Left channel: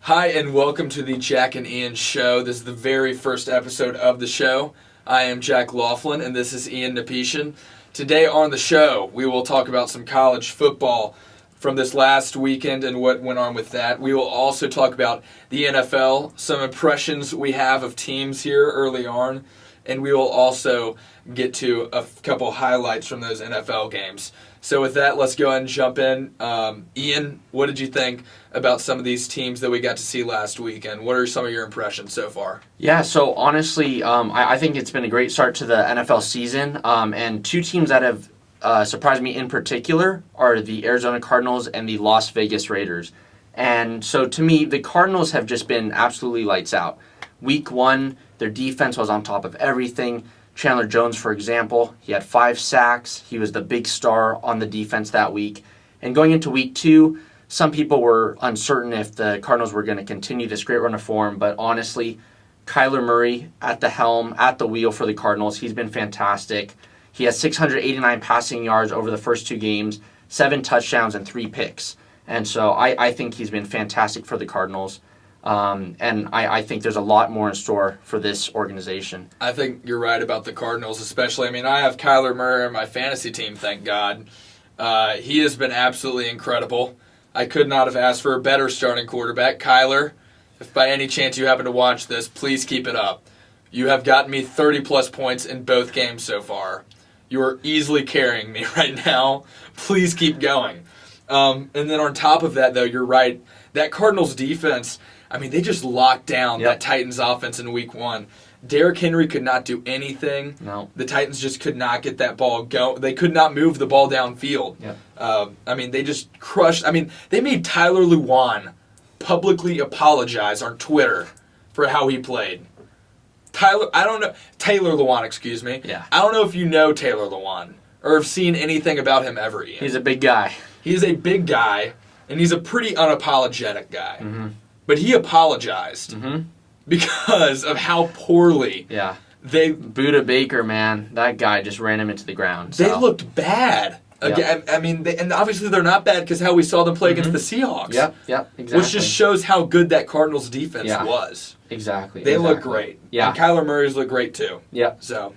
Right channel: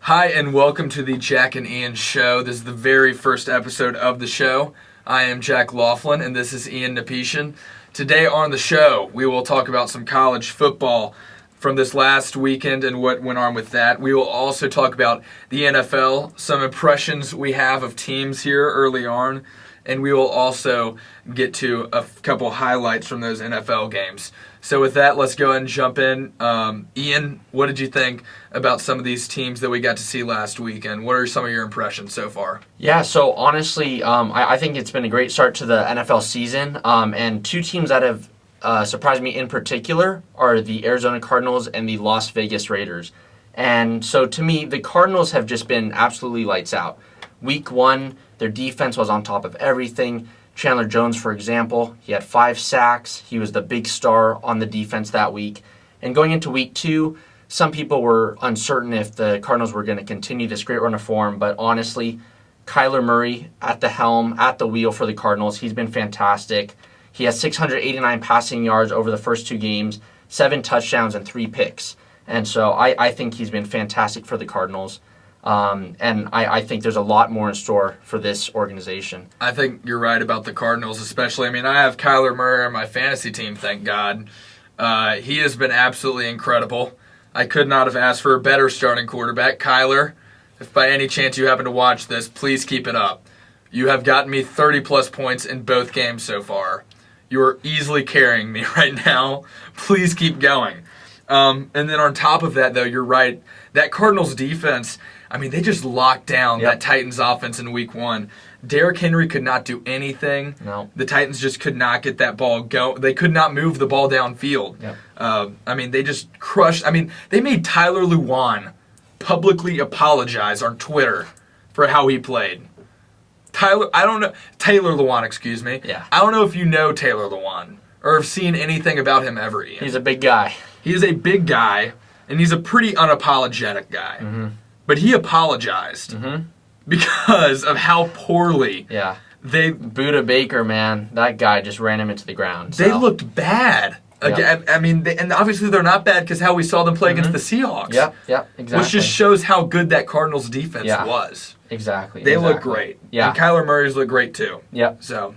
Hi, and welcome to the Jack and Ian Show. This is the very first episode of the show. I am Jack Laughlin, and this is Ian Napetian. Today on the show, we will talk about some college football from this last weekend and what went on with that. We will also talk about the NFL, some impressions we have of teams here early on, and we will also get to a couple highlights from those NFL games. So with that, let's go ahead and jump in. Ian, what did you think about some of these teams that we got to see last weekend? What are some of your impressions so far? Yeah, so honestly, I think it's been a great start to the NFL season. And two teams that have surprised me in particular are the Arizona Cardinals and the Las Vegas Raiders. And so to me, the Cardinals have just been absolutely lights out. Week one, their defense was on top of everything. Chandler Jones, for example, he had 5 sacks. He was the big star on the defense that week. And going into week two, some people were uncertain if the Cardinals were going to continue this great run of form. But honestly, Kyler Murray at the helm, at the wheel for the Cardinals, he's been fantastic. He has 689 passing yards over the first 2 games, 7 touchdowns and 3 picks. And so I think he's been fantastic for the Cardinals. And I think there's a lot more in store for this organization. I think you're right about the Cardinals, especially. I mean, I have Kyler Murray on my fantasy team, thank God. He has been absolutely incredible. I could not have asked for a better starting quarterback. Kyler, if by any chance you happen to watch this, please keep it up. You have gotten me 30-plus points in both games so far. You are easily carrying me right now. Please keep going. And then on top of that, though, you're right. That Cardinals defense, I mean, they just locked down that Titans offense in week one. Derrick Henry could not do anything. No. The Titans just could not get that ball going. They could not move the ball downfield. Yep. I mean, they just crushed. I mean, they made Tyler Lewan publicly apologize on Twitter for how he played. Taylor Lewan, excuse me. Yeah. I don't know if you know Taylor Lewan or have seen anything about him ever, Ian. He's a big guy. He is a big guy, and he's a pretty unapologetic guy. Mm-hmm. But he apologized because of how poorly Buda Baker, man, that guy just ran him into the ground. They looked bad. Yeah. I mean, and obviously they're not bad because how we saw them play against the Seahawks. Yeah, exactly. Which just shows how good that Cardinals defense was. Exactly. They look great. Yeah. And Kyler Murray's look great too. Yep. So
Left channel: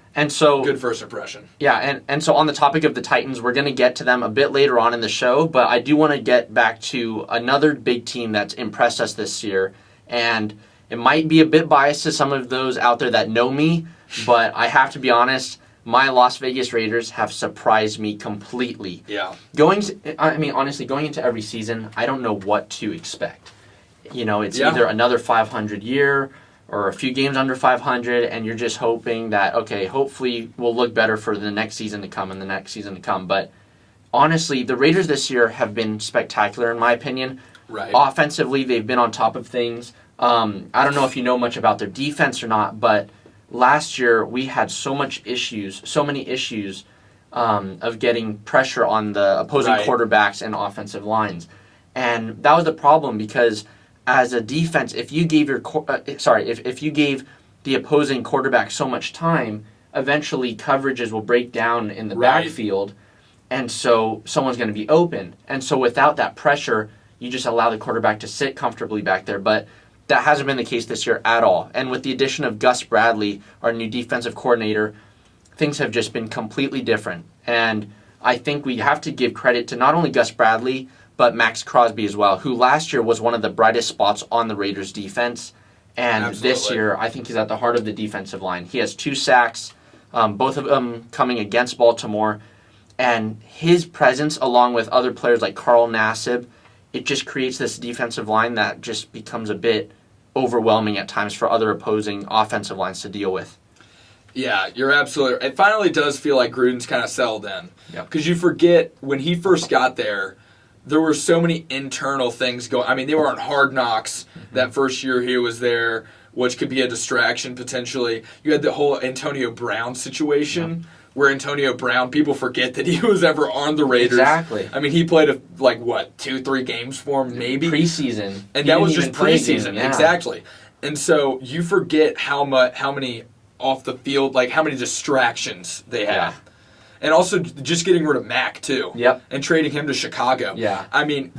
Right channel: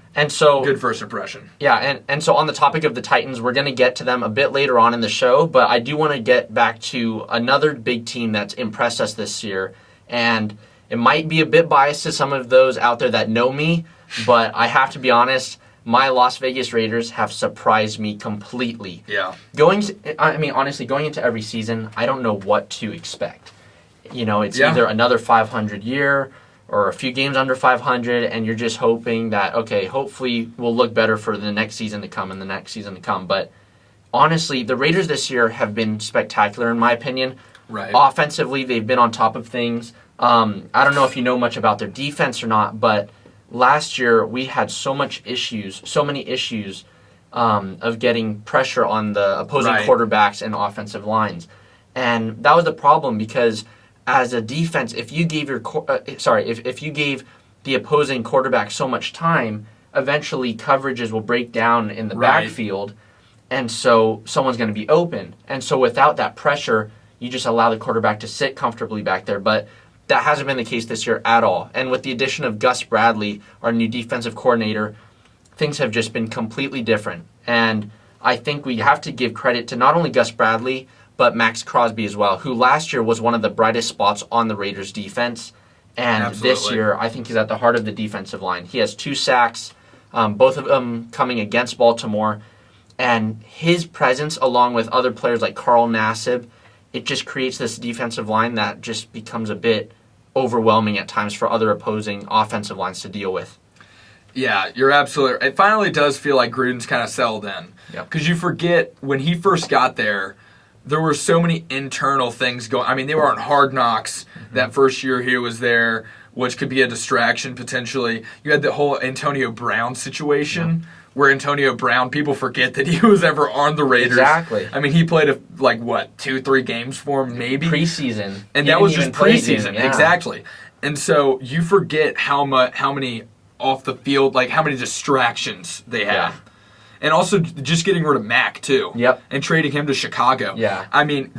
good first impression. Yeah, and so on the topic of the Titans, we're going to get to them a bit later on in the show, but I do want to get back to another big team that's impressed us this year, and it might be a bit biased to some of those out there that know me, but I have to be honest, my Las Vegas Raiders have surprised me completely. Yeah. Honestly, going into every season, I don't know what to expect. You know, it's either another 500 year or a few games under 500, and you're just hoping that, okay, hopefully we'll look better for the next season to come and the next season to come. But honestly, the Raiders this year have been spectacular, in my opinion. Right. Offensively, they've been on top of things. I don't know if you know much about their defense or not, but last year we had so many issues of getting pressure on the opposing quarterbacks and offensive lines. And that was the problem because as a defense, if you gave if you gave the opposing quarterback so much time, eventually coverages will break down in the backfield, and so someone's going to be open. And so without that pressure, you just allow the quarterback to sit comfortably back there. But that hasn't been the case this year at all. And with the addition of Gus Bradley, our new defensive coordinator, things have just been completely different. And I think we have to give credit to not only Gus Bradley, but Max Crosby as well, who last year was one of the brightest spots on the Raiders' defense. And this year, I think he's at the heart of the defensive line. He has 2 sacks, both of them coming against Baltimore. And his presence, along with other players like Carl Nassib, it just creates this defensive line that just becomes a bit overwhelming at times for other opposing offensive lines to deal with. Yeah, you're absolutely right. It finally does feel like Gruden's kind of settled in. Because you forget, when he first got there were so many internal things going. I mean, they were on Hard Knocks that first year he was there, which could be a distraction potentially. You had the whole Antonio Brown situation where Antonio Brown, people forget that he was ever on the Raiders. Exactly. I mean, he played 2-3 games for him, maybe preseason, and that was just preseason. Exactly. And so you forget how many off the field, like how many distractions they have. Yeah. And also just getting rid of Mack too. Yep. And trading him to Chicago. Yeah. I mean,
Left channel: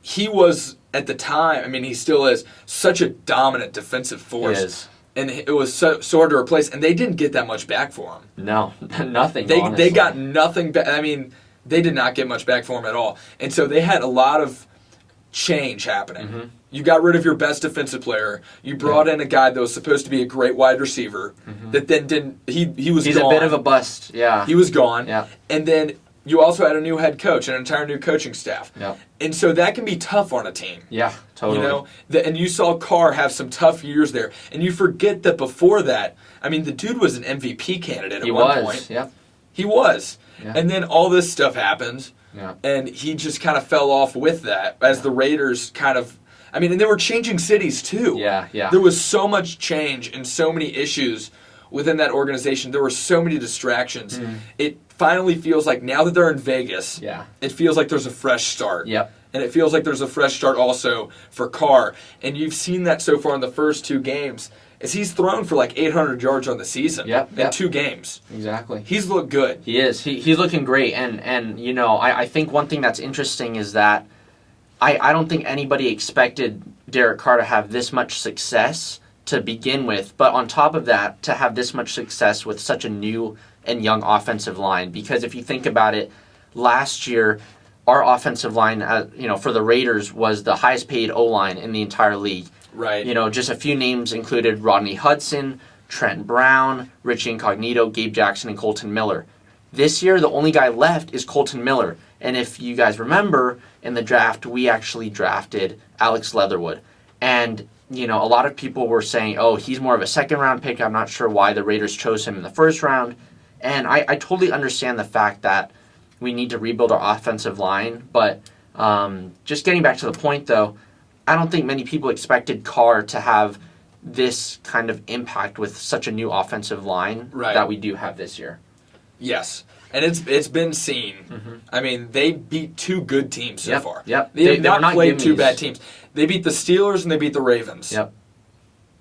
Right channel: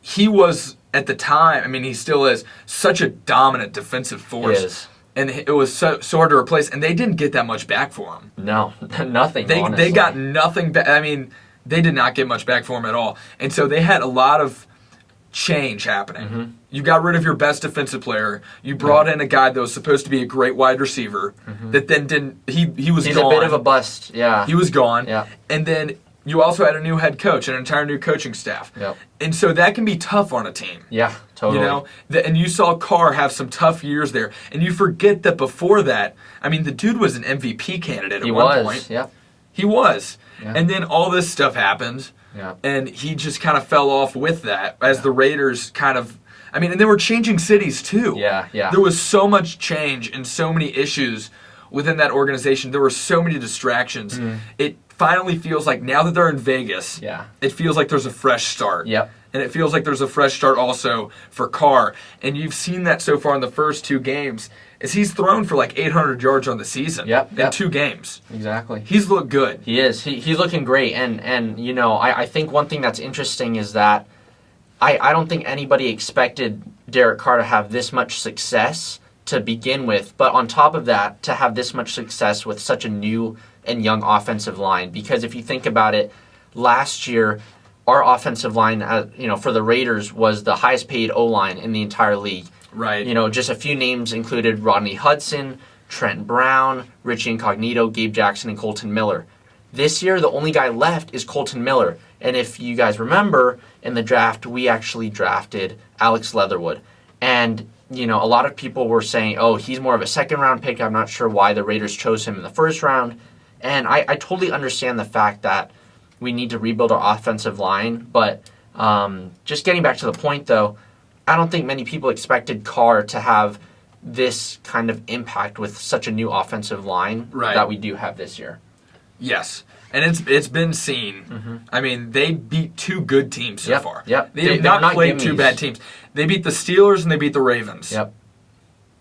he was at the time, I mean, he still is such a dominant defensive force. He is. And it was so hard to replace, and they didn't get that much back for him. No, nothing. They got nothing back. I mean, they did not get much back for him at all. And so they had a lot of change happening. Mm-hmm. You got rid of your best defensive player. You brought in a guy that was supposed to be a great wide receiver that then didn't. He was He's gone. a bit of a bust. Yeah. He was gone. Yeah. And then you also had a new head coach, an entire new coaching staff. Yep. And so that can be tough on a team. Yeah, totally. You know, and you saw Carr have some tough years there, and you forget that before that, I mean, the dude was an MVP candidate at one point. Yep. He was. Yeah. And then all this stuff happened, and he just kind of fell off with that as the Raiders kind of. I mean, and they were changing cities too. Yeah. There was so much change and so many issues within that organization. There were so many distractions. It finally feels like now that they're in Vegas, it feels like there's a fresh start. Yep. And it feels like there's a fresh start also for Carr. And you've seen that so far in the first 2 games, is he's thrown for like 800 yards on the season in 2 games. Exactly. He's looked good. He is. He's looking great. And you know, I think one thing that's interesting is that I don't think anybody expected Derek Carr to have this much success to begin with. But on top of that, to have this much success with such a new and young offensive line. Because if you think about it, last year, our offensive line, for the Raiders was the highest paid O-line in the entire league. Right. You know, just a few names included Rodney Hudson, Trent Brown, Richie Incognito, Gabe Jackson, and Colton Miller. This year, the only guy left is Colton Miller. And if you guys remember, in the draft, we actually drafted Alex Leatherwood. And, you know, a lot of people were saying, oh, he's more of a second-round pick. I'm not sure why the Raiders chose him in the first round. And I totally understand the fact that we need to rebuild our offensive line. But just getting back to the point, though, I don't think many people expected Carr to have this kind of impact with such a new offensive line that we do have this year. Yes. And it's been seen. I mean, they beat 2 good teams so far. Yep. They have not played 2 bad teams. They beat the Steelers and they beat the Ravens. Yep.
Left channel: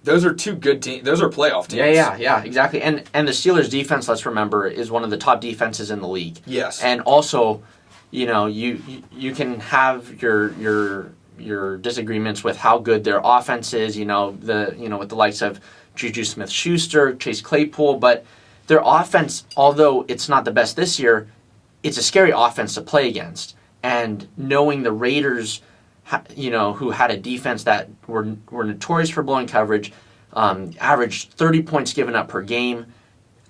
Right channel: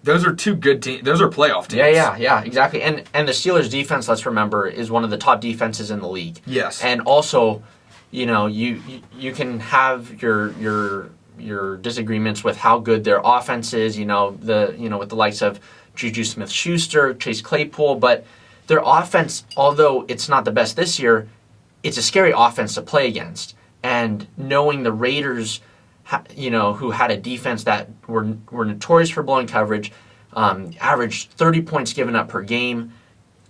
Those are 2 good teams. Those are playoff teams. Yeah, exactly. And the Steelers' defense, let's remember, is one of the top defenses in the league. Yes. And also, you know, you can have your disagreements with how good their offense is. You know, with the likes of Juju Smith-Schuster, Chase Claypool, but their offense, although it's not the best this year, it's a scary offense to play against. And knowing the Raiders, who had a defense that were notorious for blowing coverage, averaged 30 points given up per game,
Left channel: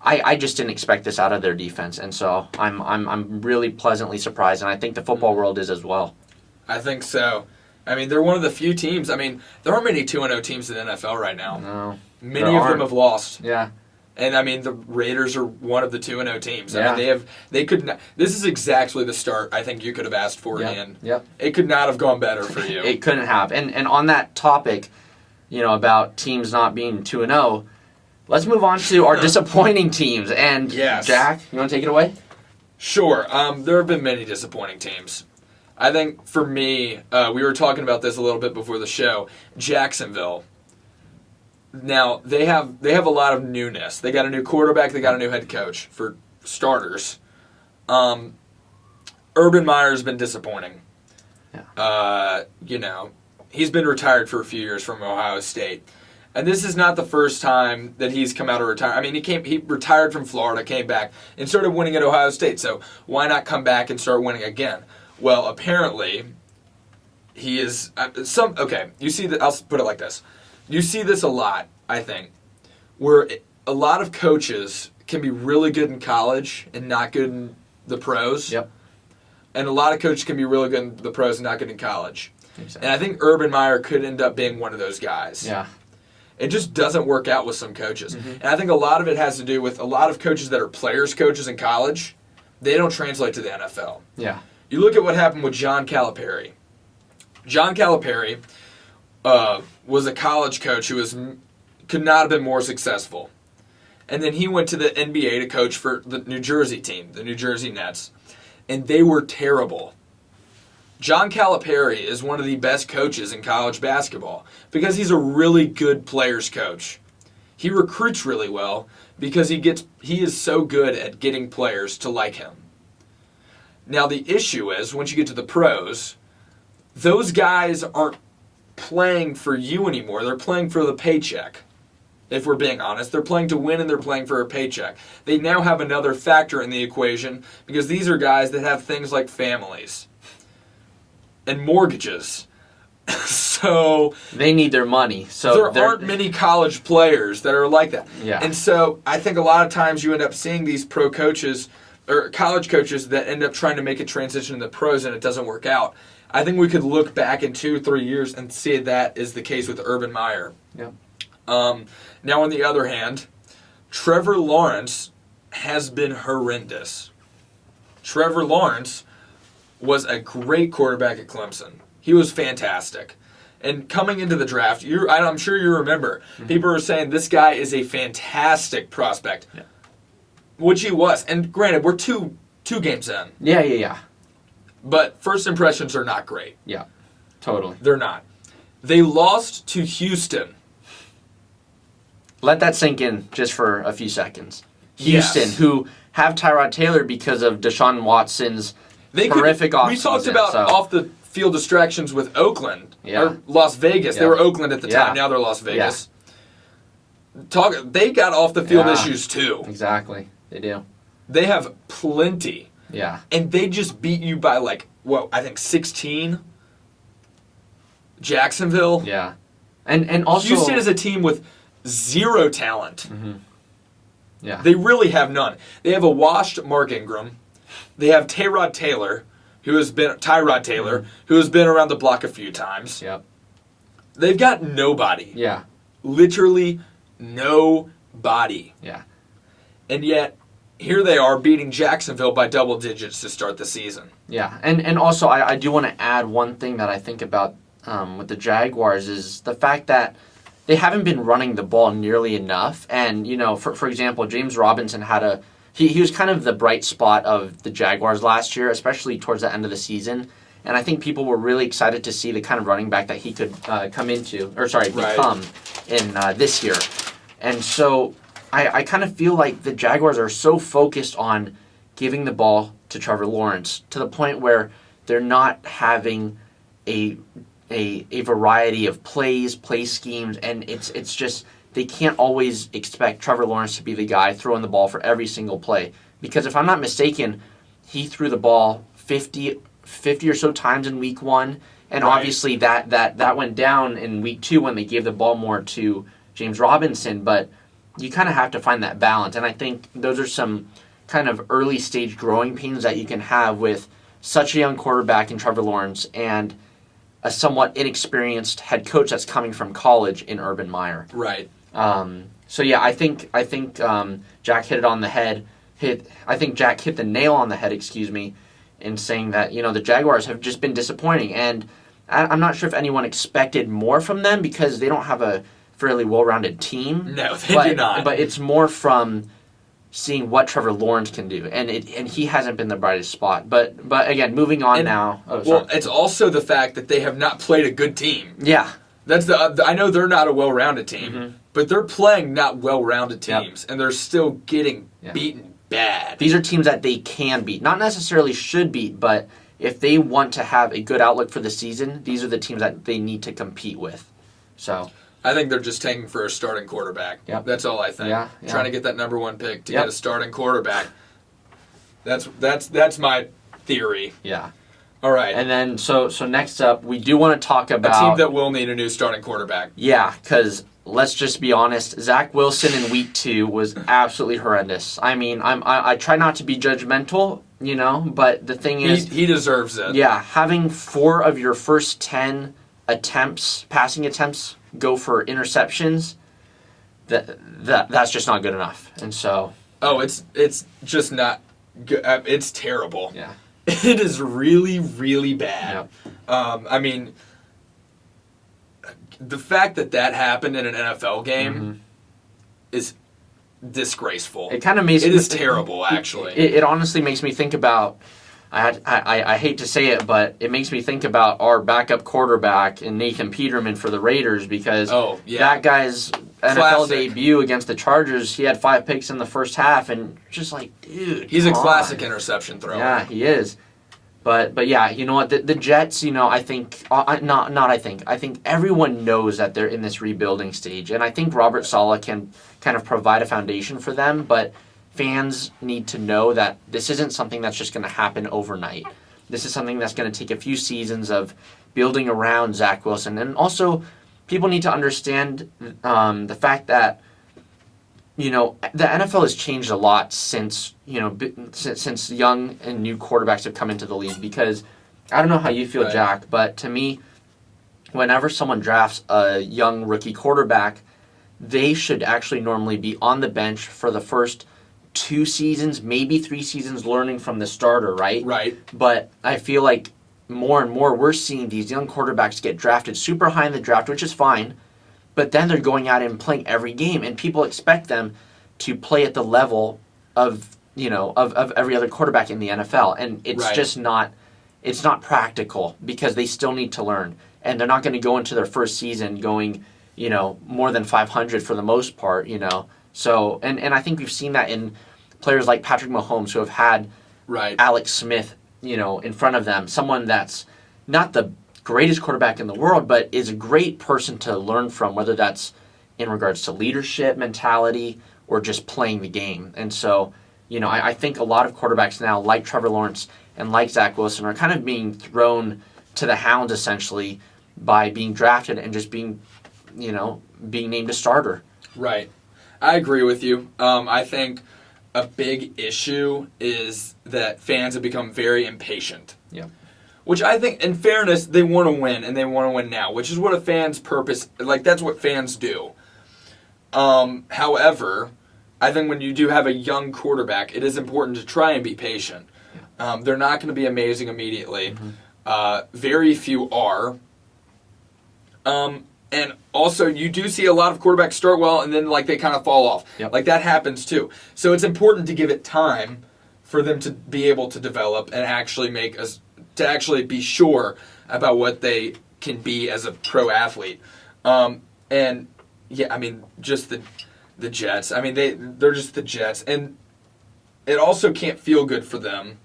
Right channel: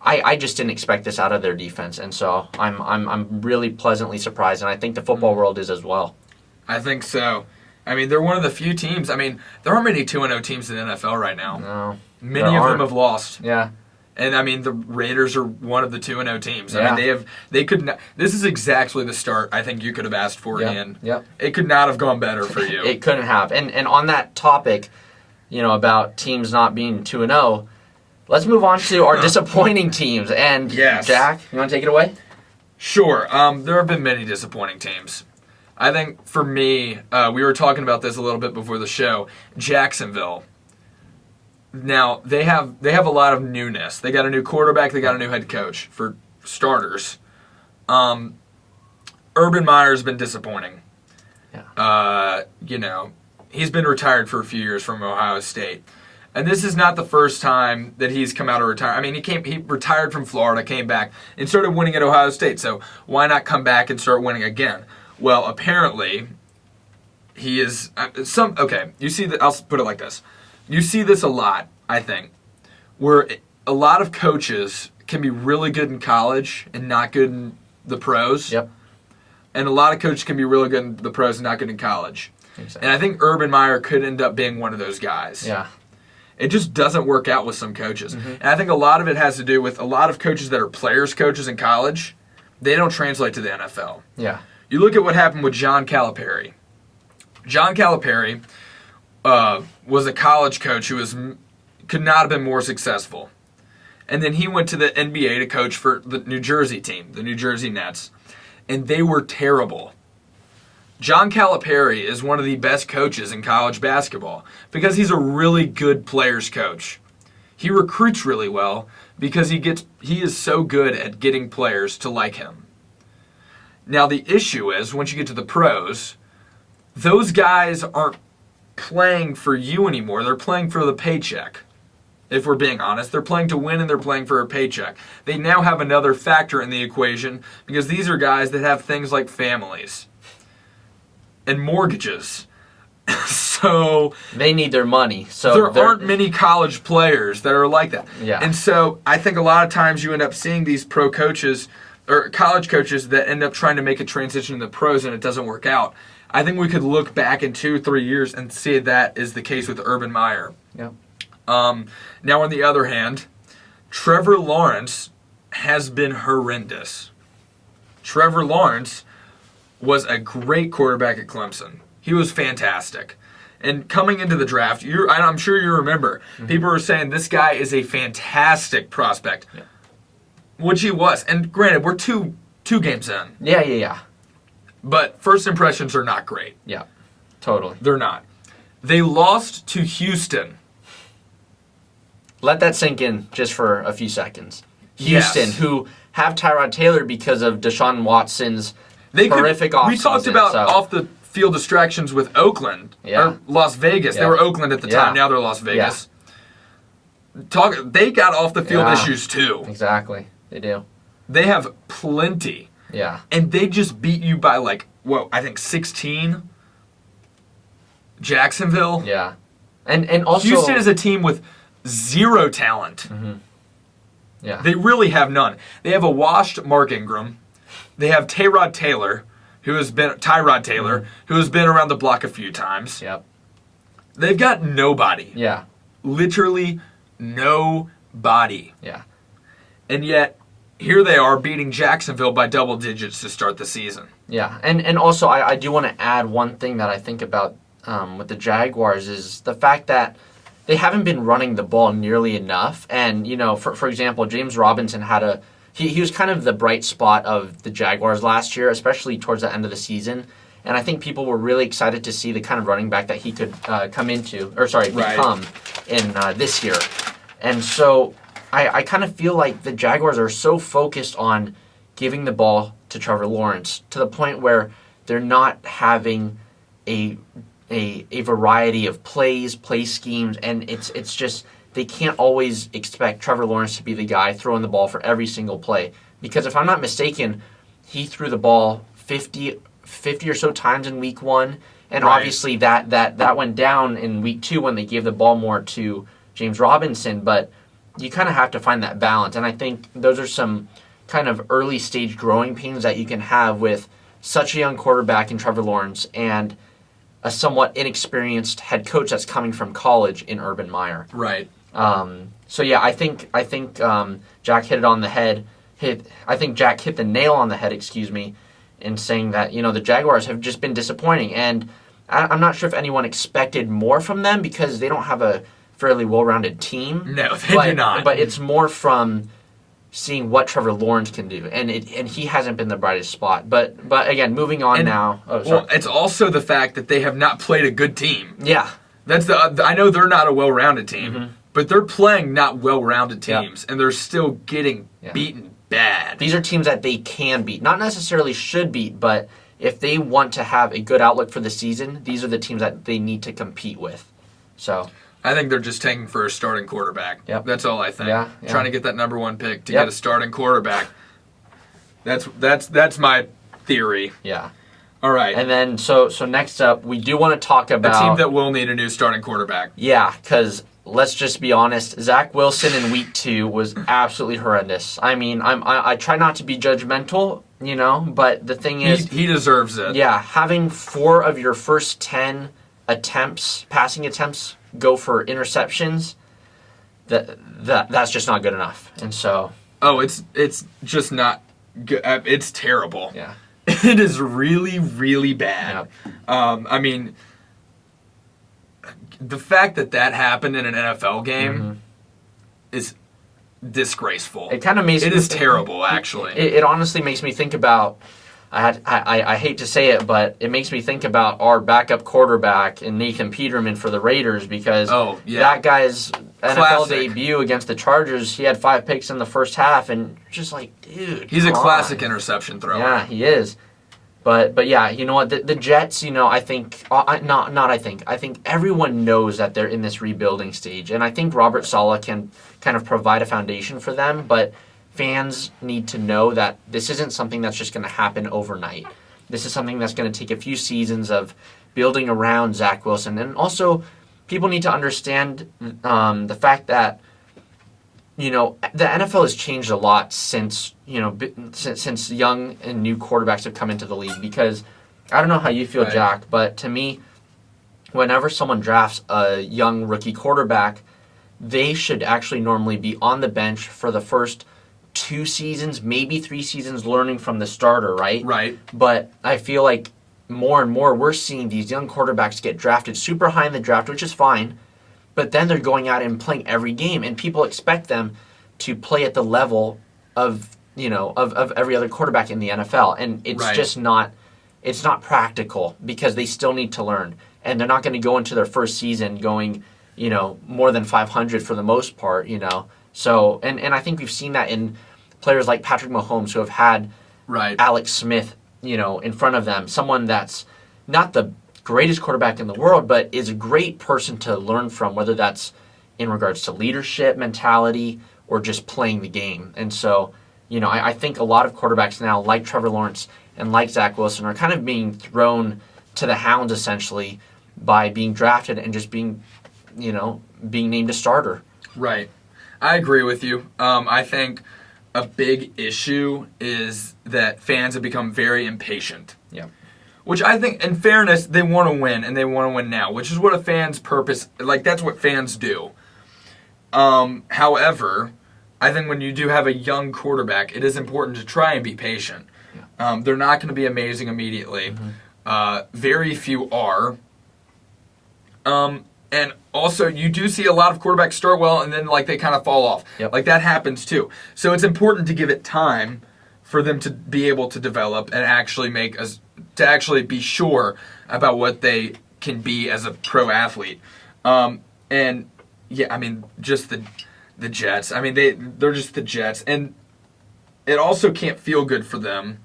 I just didn't expect this out of their defense, and so I'm really pleasantly surprised, and I think the football world is as well. I think so. I mean, they're one of the few teams. I mean, there aren't many 2-0 teams in the NFL right now. No, many of them have lost. Yeah. And I mean, the Raiders are one of the 2-0 teams. Yeah. I mean, they could not. This is exactly the start I think you could have asked for, Ian. Yep. It could not have gone better for you. It couldn't have. And on that topic, about teams not being 2-0, let's move on to our disappointing teams. And Jack, you want to take it away? Sure. There have been many disappointing teams. I think for me, we were talking about this a little bit before the show. Jacksonville. Now, they have a lot of newness. They got a new quarterback. They got a new head coach, for starters. Urban Meyer's been disappointing. Yeah. He's been retired for a few years from Ohio State. And this is not the first time that he's come out of retirement. I mean, he retired from Florida, came back, and started winning at Ohio State. So why not come back and start winning again? Well, apparently, he is you see that. I'll put it like this. You see this a lot, I think, where a lot of coaches can be really good in college and not good in the pros. Yep. And a lot of coaches can be really good in the pros and not good in college. Exactly. And I think Urban Meyer could end up being one of those guys. Yeah. It just doesn't work out with some coaches. And I think a lot of it has to do with a lot of coaches that are players coaches in college. They don't translate to the NFL. Yeah. You look at what happened with John Calipari. John Calipari was a college coach who could not have been more successful. And then he went to the NBA to coach for the New Jersey team, the New Jersey Nets. And they were terrible. John Calipari is one of the best coaches in college basketball because he's a really good players coach. He recruits really well because he is so good at getting players to like him. Now the issue is, once you get to the pros, those guys aren't playing for you anymore. They're playing for the paycheck. If we're being honest, they're playing to win and they're playing for a paycheck. They now have another factor in the equation because these are guys that have things like families and mortgages. So they need their money. So there aren't many college players that are like that. Yeah. And so I think a lot of times you end up seeing these pro coaches or college coaches that end up trying to make a transition to the pros and it doesn't work out. I think we could look back in 2-3 years and see that is the case with Urban Meyer. Yeah. Now, on the other hand, Trevor Lawrence has been horrendous. Trevor Lawrence was a great quarterback at Clemson. He was fantastic. And coming into the draft, I'm sure you remember, people were saying this guy is a fantastic prospect, which he was. And granted, we're two games in. Yeah. But first impressions are not great. Yeah, totally. They're not. They lost to Houston. Let that sink in just for a few seconds. Houston, Yes. who have Tyrod Taylor because of Deshaun Watson's horrific offseason. We talked about off the field distractions with Oakland or Las Vegas. Yeah. They were Oakland at the time. Yeah. Now they're Las Vegas. They got off the field Yeah. issues too. Exactly. They do. They have plenty. Yeah. And they just beat you by I think 16. Jacksonville. Yeah. And also Houston is a team with zero talent. Mm-hmm. Yeah. They really have none. They have a washed Mark Ingram. They have Tyrod Taylor, who has been around the block a few times. Yep. They've got nobody. Yeah. Literally nobody. Yeah. And yet, here they are beating Jacksonville by double digits to start the season. Yeah. And also, I do want to add one thing that I think about with the Jaguars is the fact that they haven't been running the ball nearly enough. And, for example, James Robinson had he was kind of the bright spot of the Jaguars last year, especially towards the end of the season. And I think people were really excited to see the kind of running back that he could become in this year. And so I kind of feel like the Jaguars are so focused on giving the ball to Trevor Lawrence to the point where they're not having a variety of play schemes, and it's just they can't always expect Trevor Lawrence to be the guy throwing the ball for every single play. Because if I'm not mistaken, he threw the ball 50 or so times in week 1, and obviously that went down in week 2 when they gave the ball more to James Robinson, but you kind of have to find that balance, and I think those are some kind of early stage growing pains that you can have with such a young quarterback in Trevor Lawrence and a somewhat inexperienced head coach that's coming from college in Urban Meyer. Right. So yeah, I think Jack hit it on the head. I think Jack hit the nail on the head, in saying that the Jaguars have just been disappointing, and I'm not sure if anyone expected more from them because they don't have a fairly well-rounded team. No, they do not. But it's more from seeing what Trevor Lawrence can do, and he hasn't been the brightest spot. But again, moving on now. Well, it's also the fact that they have not played a good team. Yeah, that's I know they're not a well-rounded team, but they're playing not well-rounded teams, and they're still getting beaten bad. These are teams that they can beat, not necessarily should beat, but if they want to have a good outlook for the season, these are the teams that they need to compete with. So I think they're just taking for a starting quarterback. Yep. That's all I think. Yeah. Trying to get that number 1 pick to get a starting quarterback. That's my theory. Yeah. All right. And then so next up, we do want to talk about a team that will need a new starting quarterback. Yeah, because let's just be honest, Zach Wilson in week 2 was absolutely horrendous. I mean, I try not to be judgmental, but the thing is, he deserves it. Yeah, having 4 of your first 10 passing attempts, go for interceptions, that's just not good enough. And so it's just not good. It's terrible. Yeah. It is really, really bad. Yep. I mean, the fact that happened in an NFL game is disgraceful. It kind of makes it is terrible, actually. It honestly makes me think about. I hate to say it, but it makes me think about our backup quarterback and Nathan Peterman for the Raiders because that guy's NFL debut against the Chargers, he had 5 picks in the first half, and just like, dude, he's a classic interception thrower. Yeah, he is. But yeah, you know what? The Jets, I think I think everyone knows that they're in this rebuilding stage, and I think Robert Saleh can kind of provide a foundation for them. But fans need to know that this isn't something that's just going to happen overnight. This is something that's going to take a few seasons of building around Zach Wilson, and also people need to understand the fact that the NFL has changed a lot since since young and new quarterbacks have come into the league. Because I don't know how you feel, Right. Jack, but to me, whenever someone drafts a young rookie quarterback, they should actually normally be on the bench for the first 2 seasons, maybe 3 seasons, learning from the starter, right? Right. But I feel like more and more we're seeing these young quarterbacks get drafted super high in the draft, which is fine. But then they're going out and playing every game, and people expect them to play at the level of every other quarterback in the NFL, and it's Right. just not practical because they still need to learn, and they're not going to go into their first season going more than 500 for the most part. So and I think we've seen that in players like Patrick Mahomes who have had Right. Alex Smith in front of them, someone that's not the greatest quarterback in the world, but is a great person to learn from, whether that's in regards to leadership, mentality, or just playing the game. And so, I think a lot of quarterbacks now, like Trevor Lawrence and like Zach Wilson, are kind of being thrown to the hounds, essentially, by being drafted and just being named a starter. Right. I agree with you. I think a big issue is that fans have become very impatient. Yeah. Which I think, in fairness, they want to win, and they want to win now, which is what a fan's purpose, that's what fans do. However, I think when you do have a young quarterback, it is important to try and be patient. Yeah. They're not going to be amazing immediately. Mm-hmm. Very few are. And also, you do see a lot of quarterbacks start well, and then they kind of fall off. Yep. That happens too. So it's important to give it time for them to be able to develop and actually be sure about what they can be as a pro athlete. And yeah, just the Jets. They're just the Jets, and it also can't feel good for them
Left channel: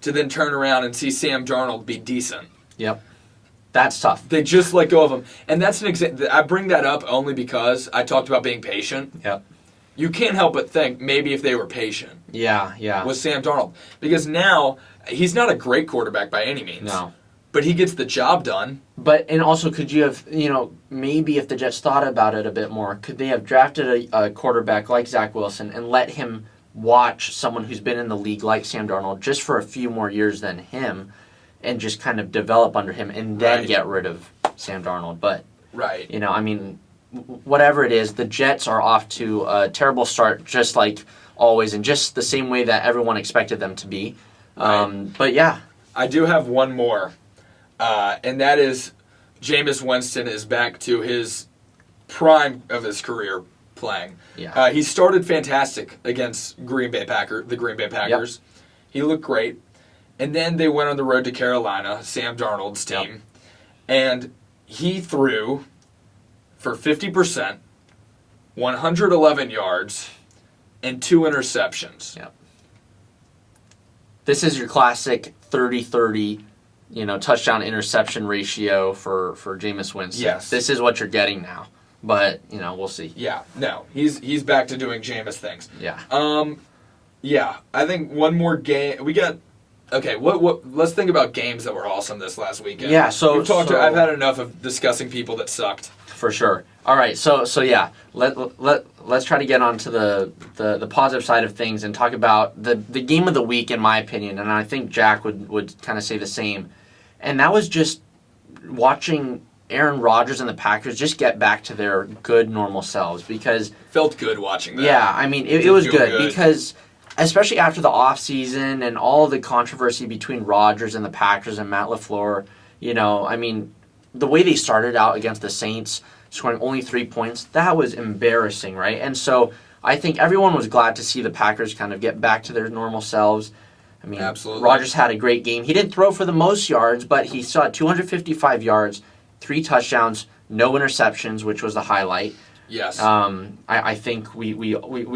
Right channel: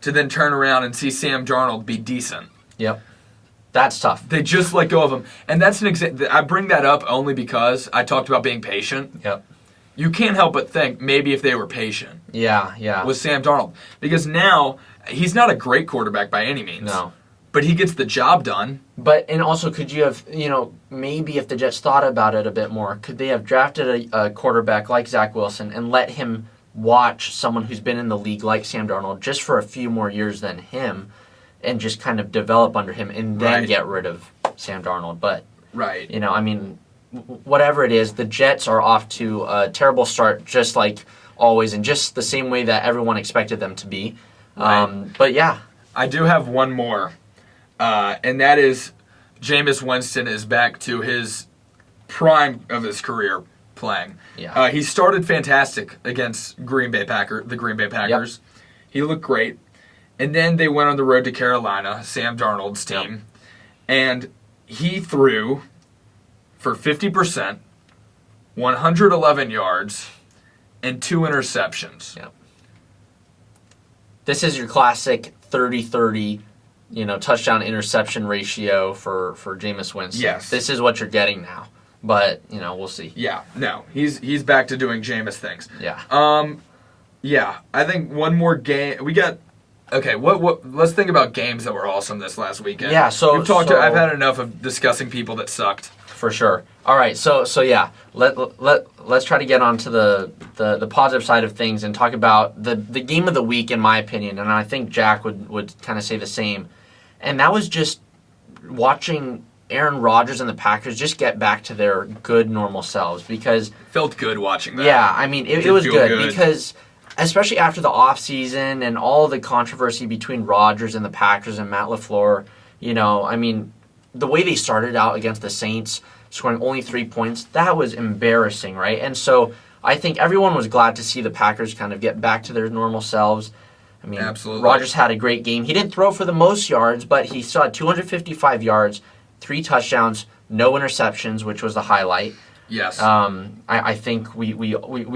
to then turn around and see Sam Darnold be decent. Yep. That's tough. They just let go of him, and that's an example. I bring that up only because I talked about being patient. Yep. You can't help but think maybe if they were patient. Yeah. With Sam Darnold, because now he's not a great quarterback by any means. No. But he gets the job done. And also, could you have, maybe if the Jets thought about it a bit more, could they have drafted a quarterback like Zach Wilson and let him watch someone who's been in the league like Sam Darnold just for a few more years than him and just kind of develop under him and then get rid of Sam Darnold? But, Right. whatever it is, the Jets are off to a terrible start, just like always, and just the same way that everyone expected them to be. Right. But yeah. I do have one more, and that is Jameis Winston is back to his prime of his career playing. Yeah. He started fantastic against the Green Bay Packers. Yep. He looked great. And then they went on the road to Carolina, Sam Darnold's team, and he threw for 50%, 111 yards, and 2 interceptions. Yep. This is your classic 30-30, touchdown interception ratio for Jameis Winston. Yes. This is what you're getting now. But, we'll see. Yeah, no, he's back to doing Jameis things. Yeah. Yeah, I think one more game. We got. Okay, what? Let's think about games that were awesome this last weekend. Yeah, so I've had enough of discussing people that sucked. For sure. All right, so yeah, let's try to get on to the positive side of things and talk about the game of the week, in my opinion, and I think Jack would kind of say the same. And that was just watching Aaron Rodgers and the Packers just get back to their good, normal selves, because Felt good watching that. yeah, it was good because especially after the offseason and all the controversy between Rodgers and the Packers and Matt LaFleur, the way they started out against the Saints, scoring only 3 points, that was embarrassing, right? And so I think everyone was glad to see the Packers kind of get back to their normal selves. Absolutely. Rodgers had a great game. He didn't throw for the most yards, but he saw 255 yards, 3 touchdowns, no interceptions, which was the highlight. Yes. I think we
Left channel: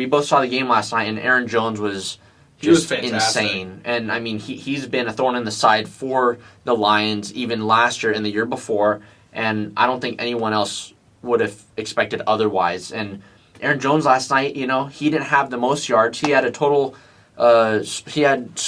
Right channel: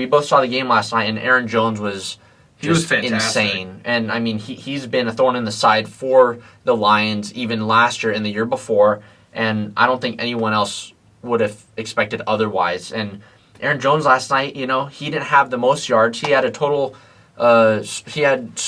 both saw the game last night, and Aaron Jones was He was just fantastic. insane. And I mean, he's been a thorn in the side for the Lions even last year and the year before. And I don't think anyone else would have expected otherwise. And Aaron Jones last night, he didn't have the most yards. He had a total. He had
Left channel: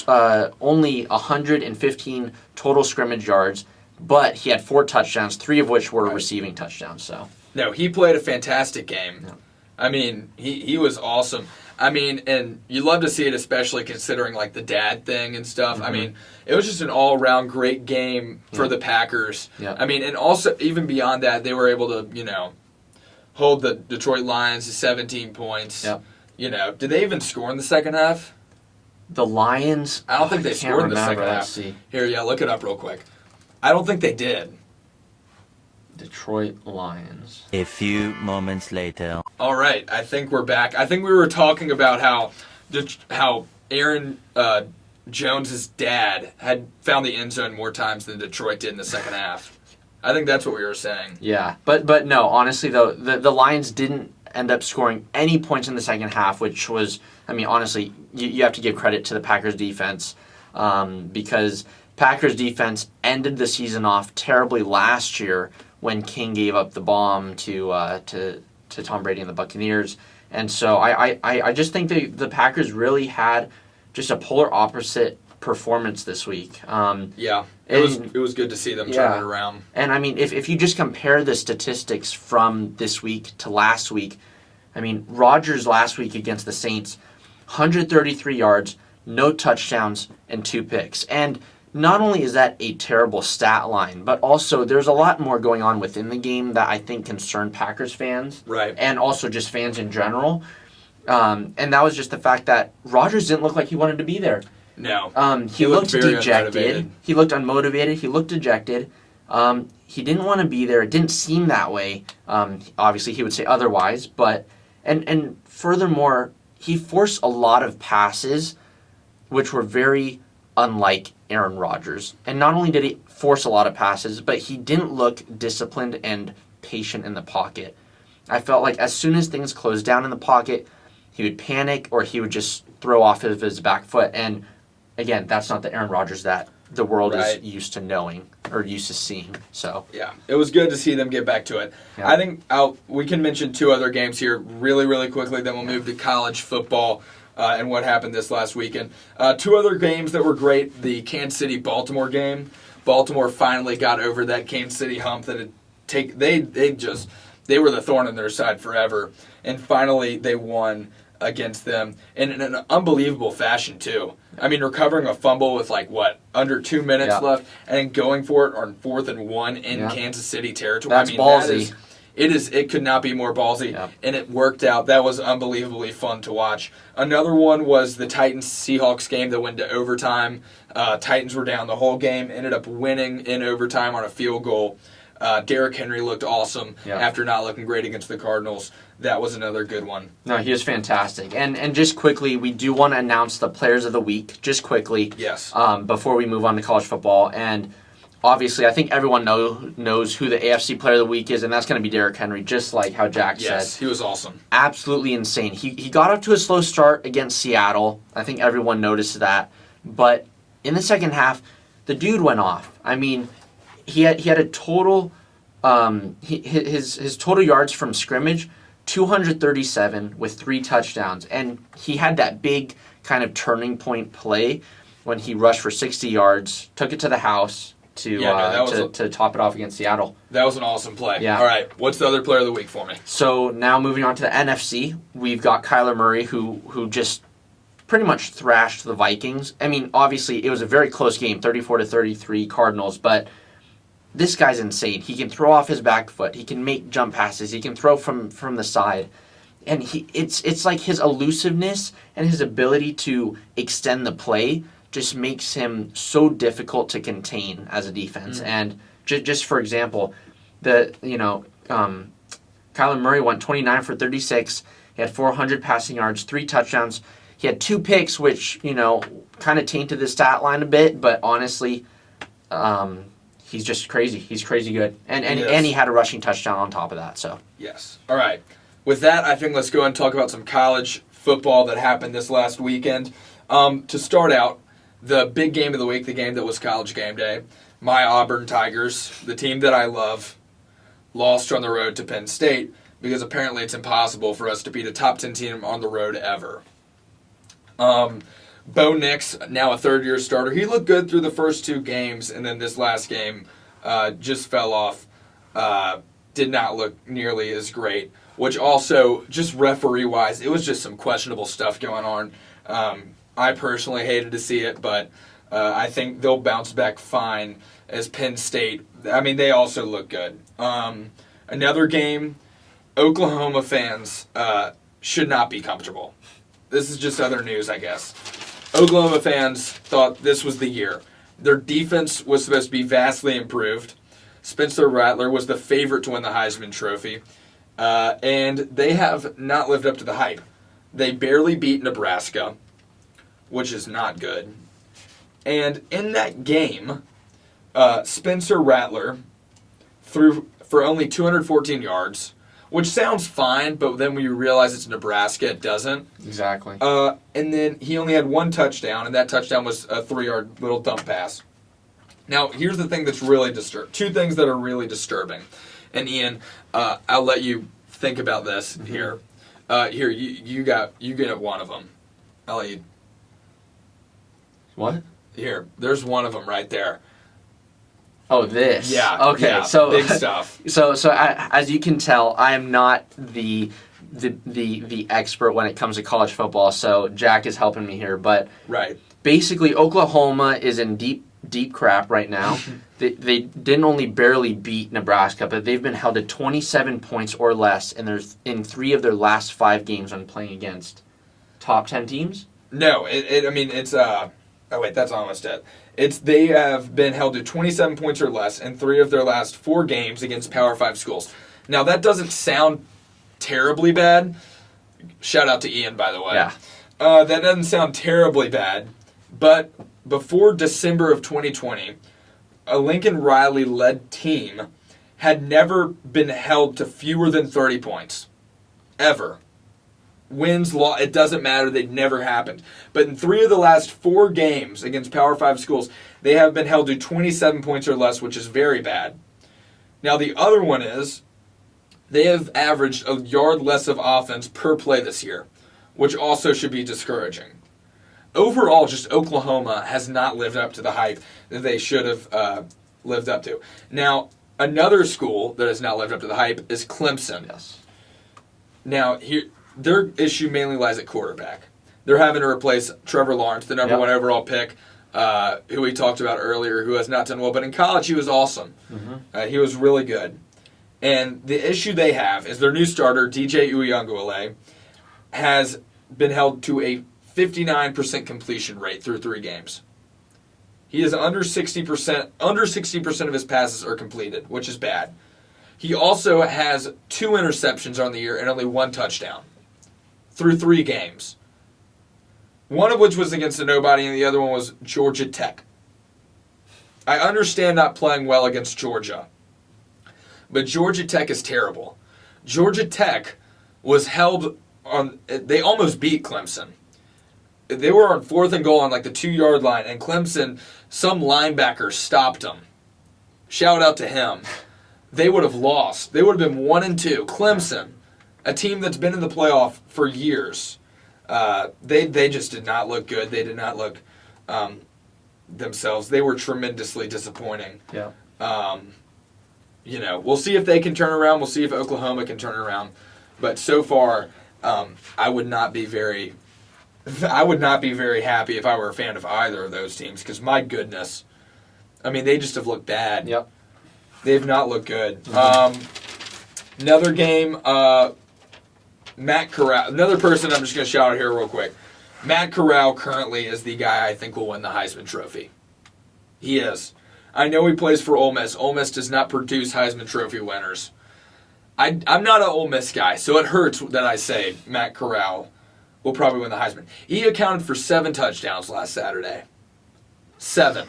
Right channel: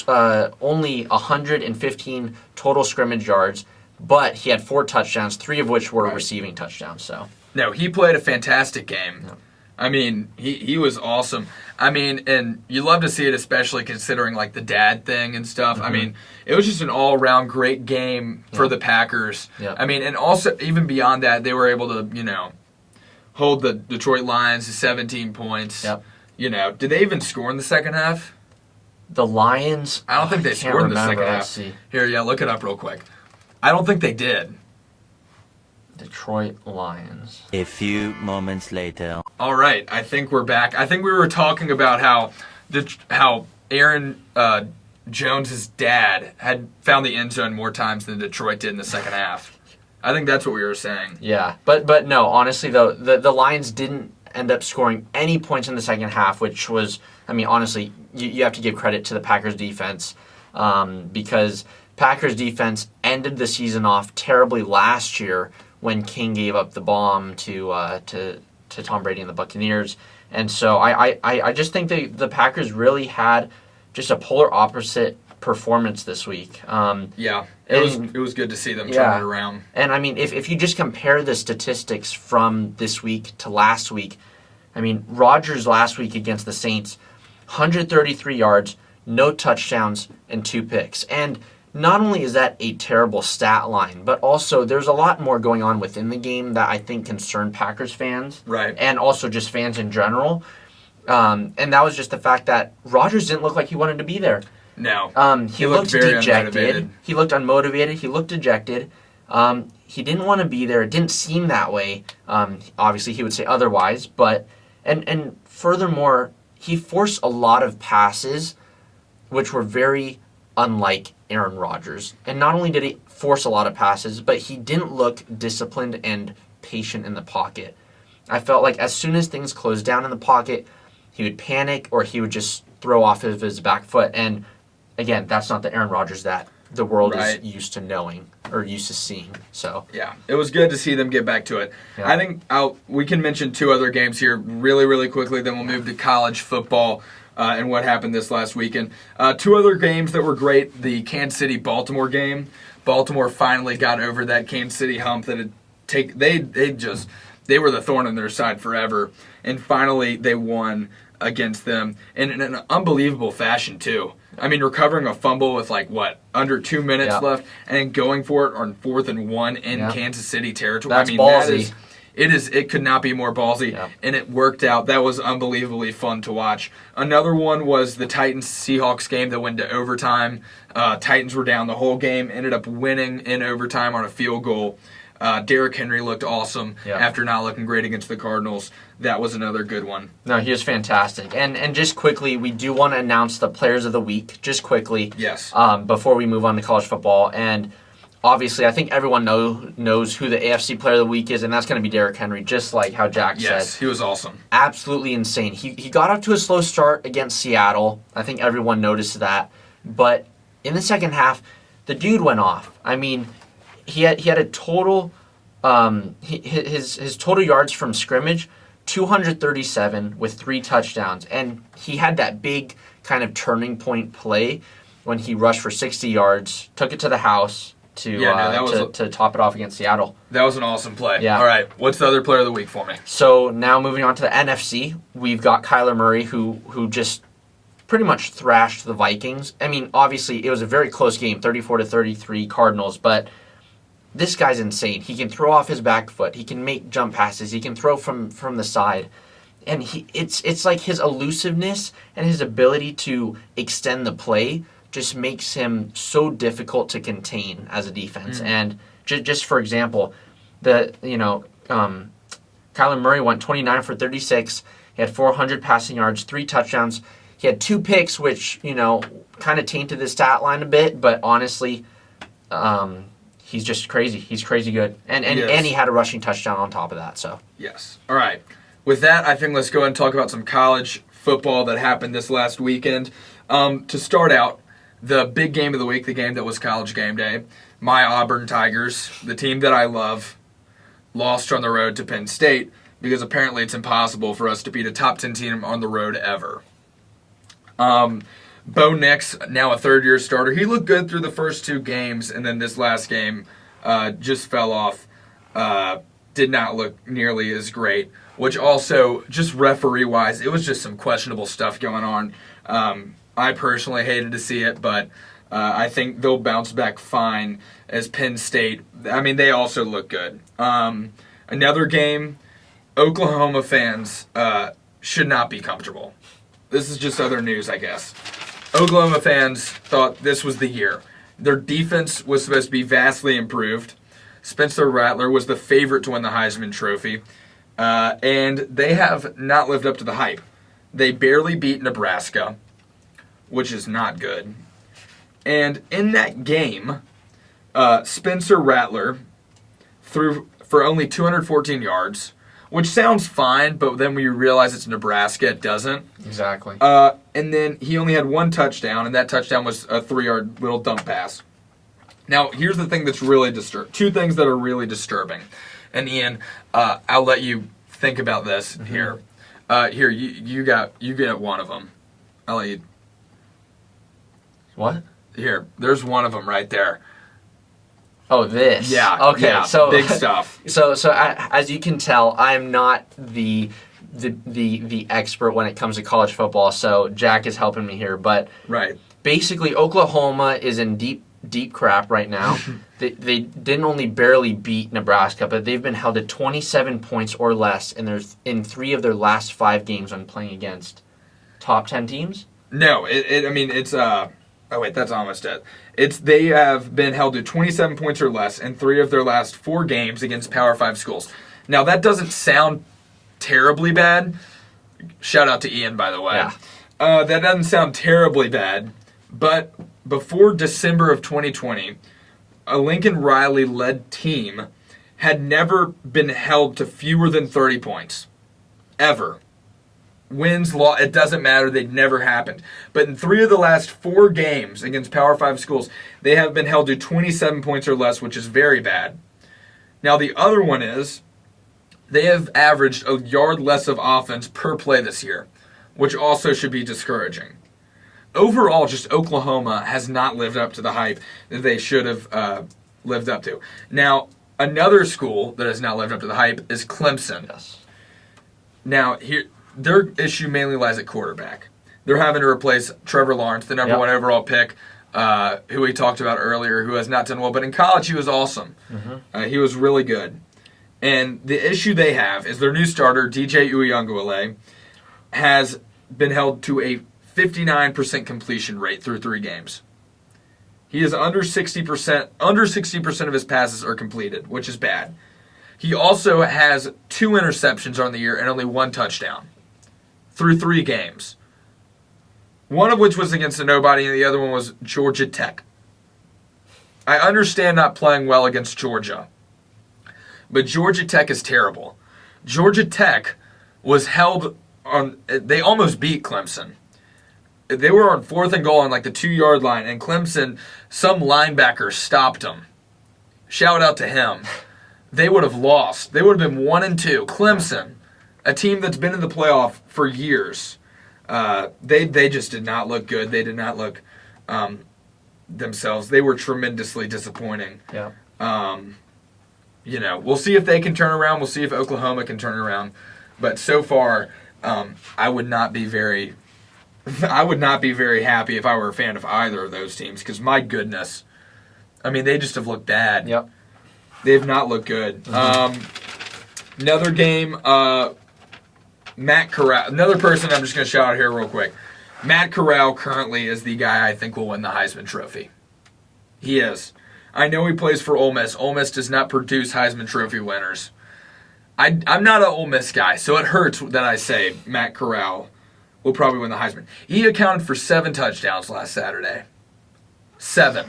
only 115 total scrimmage yards, but he had 4 touchdowns, 3 of which were receiving touchdowns. So no, he played a fantastic game. Yeah. I mean, he was awesome. I mean, and you love to see it, especially considering like the dad thing and stuff. I mean, it was just an all-around great game for the Packers. Yeah. I mean, and also even beyond that, they were able to, hold the Detroit Lions to 17 points. Yep. Did they even score in the second half? The Lions. I don't think they can't scored in the remember. second half. Let's see. Here, yeah, look it up real quick. I don't think they did. Detroit Lions. A few moments later. All right, I think we're back. I think we were talking about how Aaron Jones's dad had found the end zone more times than Detroit did in the second half. I think that's what we were saying. Yeah, but no, honestly though, the Lions didn't end up scoring any points in the second half, which was, I mean, honestly, you have to give credit to the Packers defense because Packers defense ended the season off terribly last year when King gave up the bomb to Tom Brady and the Buccaneers. And so I just think the Packers really had just a polar opposite performance this week. Yeah, it was good to see them turn it around. And I mean, if you just compare the statistics from this week to last week, I mean, Rodgers last week against the Saints, 133 yards, no touchdowns, and 2 picks. And not only is that a terrible stat line, but also there's a lot more going on within the game that I think concern Packers fans. Right. And also just fans in general. And that was just the fact that Rodgers didn't look like he wanted to be there. No. He looked very dejected. unmotivated. He looked unmotivated. He looked dejected. He didn't want to be there. It didn't seem that way. Obviously, he would say otherwise. But and furthermore, he forced a lot of passes, which were very unlike Aaron Rodgers. And not only did he force a lot of passes, but he didn't look disciplined and patient in the pocket. I felt like as soon as things closed down in the pocket, he would panic or he would just throw off of his back foot. And again, that's not the Aaron Rodgers that the world is used to knowing or used to seeing. So yeah, it was good to see them get back to it. Yeah. I think we can mention 2 other games here really, really quickly. Then we'll move to college football and what happened this last weekend. 2 other games that were great. The Kansas City-Baltimore game. Baltimore finally got over that Kansas City hump that they were the thorn in their side forever, and finally they won against them in an unbelievable fashion too. I mean, recovering a fumble with under 2 minutes left and going for it on 4th and 1 in Kansas City territory. That's ballsy. It could not be more ballsy, and it worked out. That was unbelievably fun to watch. Another one was the Titans-Seahawks game that went to overtime. Titans were down the whole game, ended up winning in overtime on a field goal. Derrick Henry looked awesome after not looking great against the Cardinals. That was another good one. No, he was fantastic. And just quickly, we do want to announce the Players of the Week, just quickly. Yes. Before we move on to college football. And obviously, I think everyone knows who the AFC Player of the Week is, and that's going to be Derrick Henry, just like how Jack said. Yes, he was awesome. Absolutely insane. He got off to a slow start against Seattle. I think everyone noticed that. But in the second half, the dude went off. I mean, he had a total his total yards from scrimmage, 237 with 3 touchdowns, and he had that big kind of turning point play when he rushed for 60 yards, took it to the house to top it off against Seattle. That was an awesome play. Yeah. All right, what's the other player of the week for me? So now moving on to the NFC, we've got Kyler Murray who just pretty much thrashed the Vikings. I mean, obviously it was a very close game, 34-33 Cardinals, but this guy's insane. He can throw off his back foot. He can make jump passes. He can throw from the side. And it's like his elusiveness and his ability to extend the play just makes him so difficult to contain as a defense. And just for example, Kyler Murray went 29 for 36. He had 400 passing yards, 3 touchdowns. He had 2 picks, which, kind of tainted the stat line a bit, but honestly, he's just crazy. He's crazy good. And he had a rushing touchdown on top of that. So yes. All right. With that, I think let's go ahead and talk about some college football that happened this last weekend. To start out, the big game of the week, the game that was College Game Day, my Auburn Tigers, the team that I love, lost on the road to Penn State because apparently it's impossible for us to beat a top 10 team on the road ever. Bo Nix, now a third-year starter, he looked good through the first 2 games, and then this last game just fell off. Did not look nearly as great, which also, just referee-wise, it was just some questionable stuff going on. I personally hated to see it, but I think they'll bounce back fine as Penn State. I mean, they also look good. Another game, Oklahoma fans should not be comfortable. This is just other news, I guess. Oklahoma fans thought this was the year. Their defense was supposed to be vastly improved. Spencer Rattler was the favorite to win the Heisman Trophy. And they have not lived up to the hype. They barely beat Nebraska, which is not good. And in that game, Spencer Rattler threw for only 214 yards, which sounds fine, but then when you realize it's Nebraska, it doesn't. Exactly. And then he only had 1 touchdown, and that touchdown was a 3-yard little dump pass. Now, here's the thing that's really disturbing. 2 things that are really disturbing. And Ian, I'll let you think about this here. Here, you get one of them. I'll let you. What? Here, there's one of them right there. Oh, this. Yeah. Okay. Yeah, so big stuff. So as you can tell, I am not the expert when it comes to college football. So Jack is helping me here, but Right. basically Oklahoma is in deep crap right now. They didn't only barely beat Nebraska, but they've been held to 27 points or less in 3 of their last 5 games when playing against top 10 teams. No, it's oh wait, that's almost it. They have been held to 27 points or less in 3 of their last 4 games against Power 5 schools. Now that doesn't sound terribly bad. Shout out to Ian, by the way. Yeah. That doesn't sound terribly bad, but before December of 2020, a Lincoln Riley-led team had never been held to fewer than 30 points. Ever. Wins, loss, it doesn't matter. They'd never happened. But in 3 of the last 4 games against Power 5 schools, they have been held to 27 points or less, which is very bad. Now, the other one is they have averaged a yard less of offense per play this year, which also should be discouraging. Overall, just Oklahoma has not lived up to the hype that they should have lived up to. Now, another school that has not lived up to the hype is Clemson. Yes. Now, their issue mainly lies at quarterback. They're having to replace Trevor Lawrence, the number 1 overall pick, who we talked about earlier, who has not done well. But in college, he was awesome. Mm-hmm. He was really good. And the issue they have is their new starter, DJ Uiagalelei, has been held to a 59% completion rate through 3 games. He is under 60%. Under 60% of his passes are completed, which is bad. He also has 2 interceptions on the year and only 1 touchdown through 3 games. One of which was against a nobody, and the other one was Georgia Tech. I understand not playing well against Georgia, but Georgia Tech is terrible. Georgia Tech was held on. They almost beat Clemson. They were on 4th and goal on like the 2-yard line, and Clemson, some linebacker stopped them. Shout out to him. They would have lost. They would have been 1-2. Clemson, a team that's been in the playoff for years, they just did not look good. They did not look themselves. They were tremendously disappointing. Yeah. We'll see if they can turn around. We'll see if Oklahoma can turn around. But so far, I would not be very happy if I were a fan of either of those teams because, my goodness, I mean, they just have looked bad. Yep. They've not looked good. Mm-hmm. Another game, Matt Corral. Another person I'm just going to shout out here real quick. Matt Corral currently is the guy I think will win the Heisman Trophy. He is. I know he plays for Ole Miss. Ole Miss does not produce Heisman Trophy winners. I'm not an Ole Miss guy, so it hurts that I say Matt Corral will probably win the Heisman. He accounted for 7 touchdowns last Saturday. 7.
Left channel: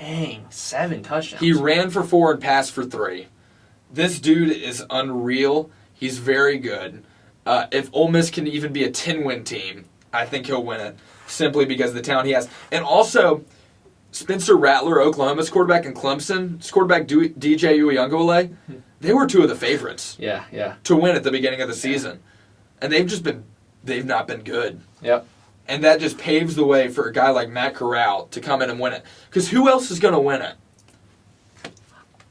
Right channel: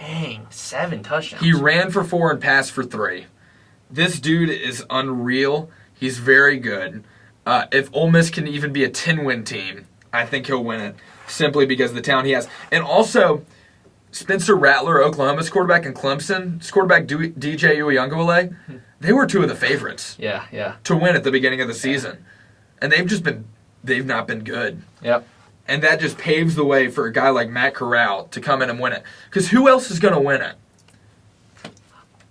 Dang, 7 touchdowns. He ran for 4 and passed for 3. This dude is unreal. He's very good. If Ole Miss can even be a 10-win team, I think he'll win it simply because of the talent he has. And also, Spencer Rattler, Oklahoma's quarterback, and Clemson's quarterback, DJ Uiagalelei, they were two of the favorites Yeah. to win at the beginning of the season. And they've not been good. Yep. And that just paves the way for a guy like Matt Corral to come in and win it. Because who else is going to win it?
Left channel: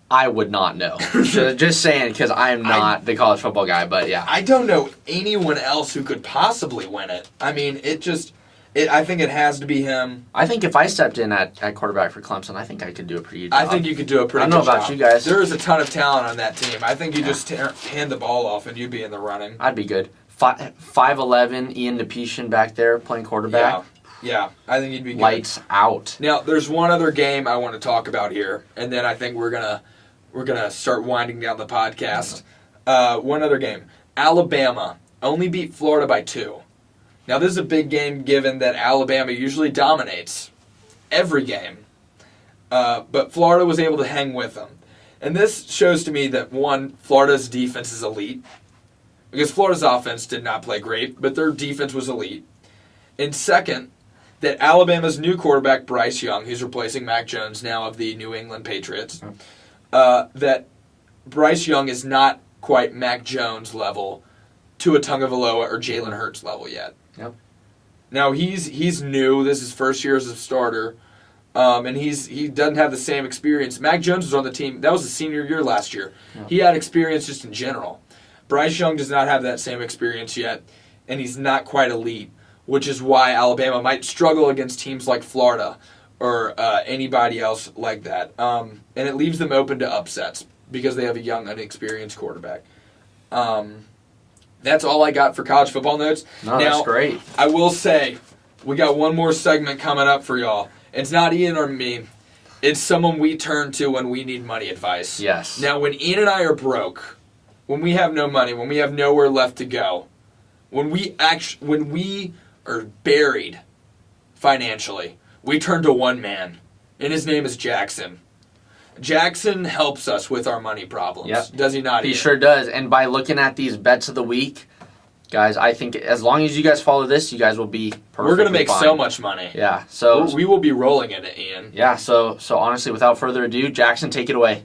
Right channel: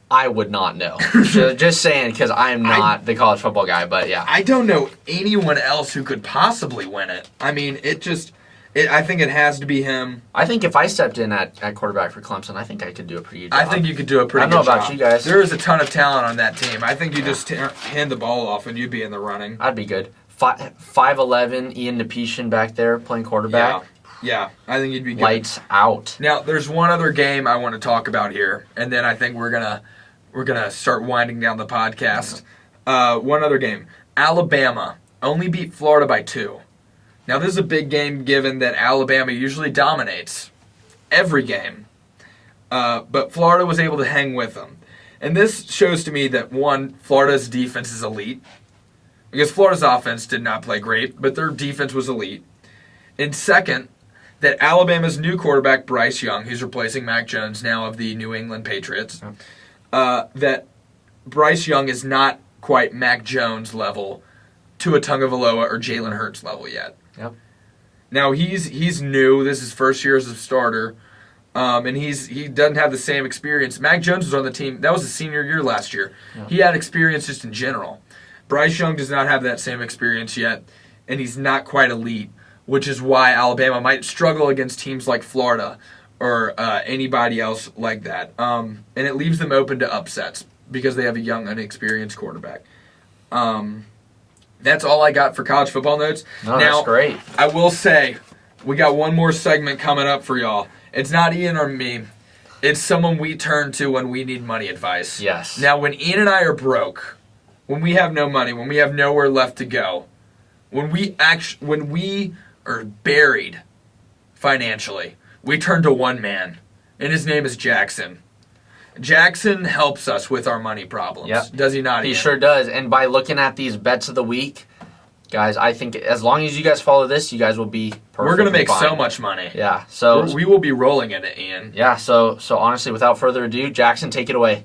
I would not know. Just saying, because I am not the college football guy, but yeah. I don't know anyone else who could possibly win it. I mean, I think it has to be him. I think if I stepped in at quarterback for Clemson, I think I could do a pretty good job. I think you could do a pretty good job. I don't know about you guys. There is a ton of talent on that team. I think you just hand the ball off and you'd be in the running. I'd be good. 5'11", Ian Nepetion back there playing quarterback. Yeah, I think you'd be good. Lights out. Now, there's one other game I want to talk about here, and then I think we're gonna start winding down the podcast. One other game. Alabama only beat Florida by 2. Now, this is a big game given that Alabama usually dominates every game. But Florida was able to hang with them. And this shows to me that, one, Florida's defense is elite. Because Florida's offense did not play great, but their defense was elite. And second, that Alabama's new quarterback, Bryce Young, who's replacing Mac Jones now of the New England Patriots, that Bryce Young is not quite Mac Jones level to a Tagovailoa or Jalen Hurts level yet. Yep. Now he's new. This is his first year as a starter, and he doesn't have the same experience. Mac Jones was on the team. That was his senior year last year. Yep. He had experience just in general. Bryce Young does not have that same experience yet, and he's not quite elite, which is why Alabama might struggle against teams like Florida or anybody else like that. And it leaves them open to upsets because they have a young, inexperienced quarterback. That's all I got for college football notes. No, that's great. I will say, we got one more segment coming up for y'all. It's not Ian or me. It's someone we turn to when we need money advice. Yes. Now, when Ian and I are broke, when we have no money, when we have nowhere left to go, when we are buried financially, we turn to one man, and his name is Jackson. Jackson helps us with our money problems. Yep. Does he not? He sure does. And by looking at these bets of the week, guys, I think as long as you guys follow this, you guys will be perfectly We're going to make fine. so much money. Yeah. So we will be rolling in it, Ian. Yeah. So honestly, without further ado, Jackson, take it away.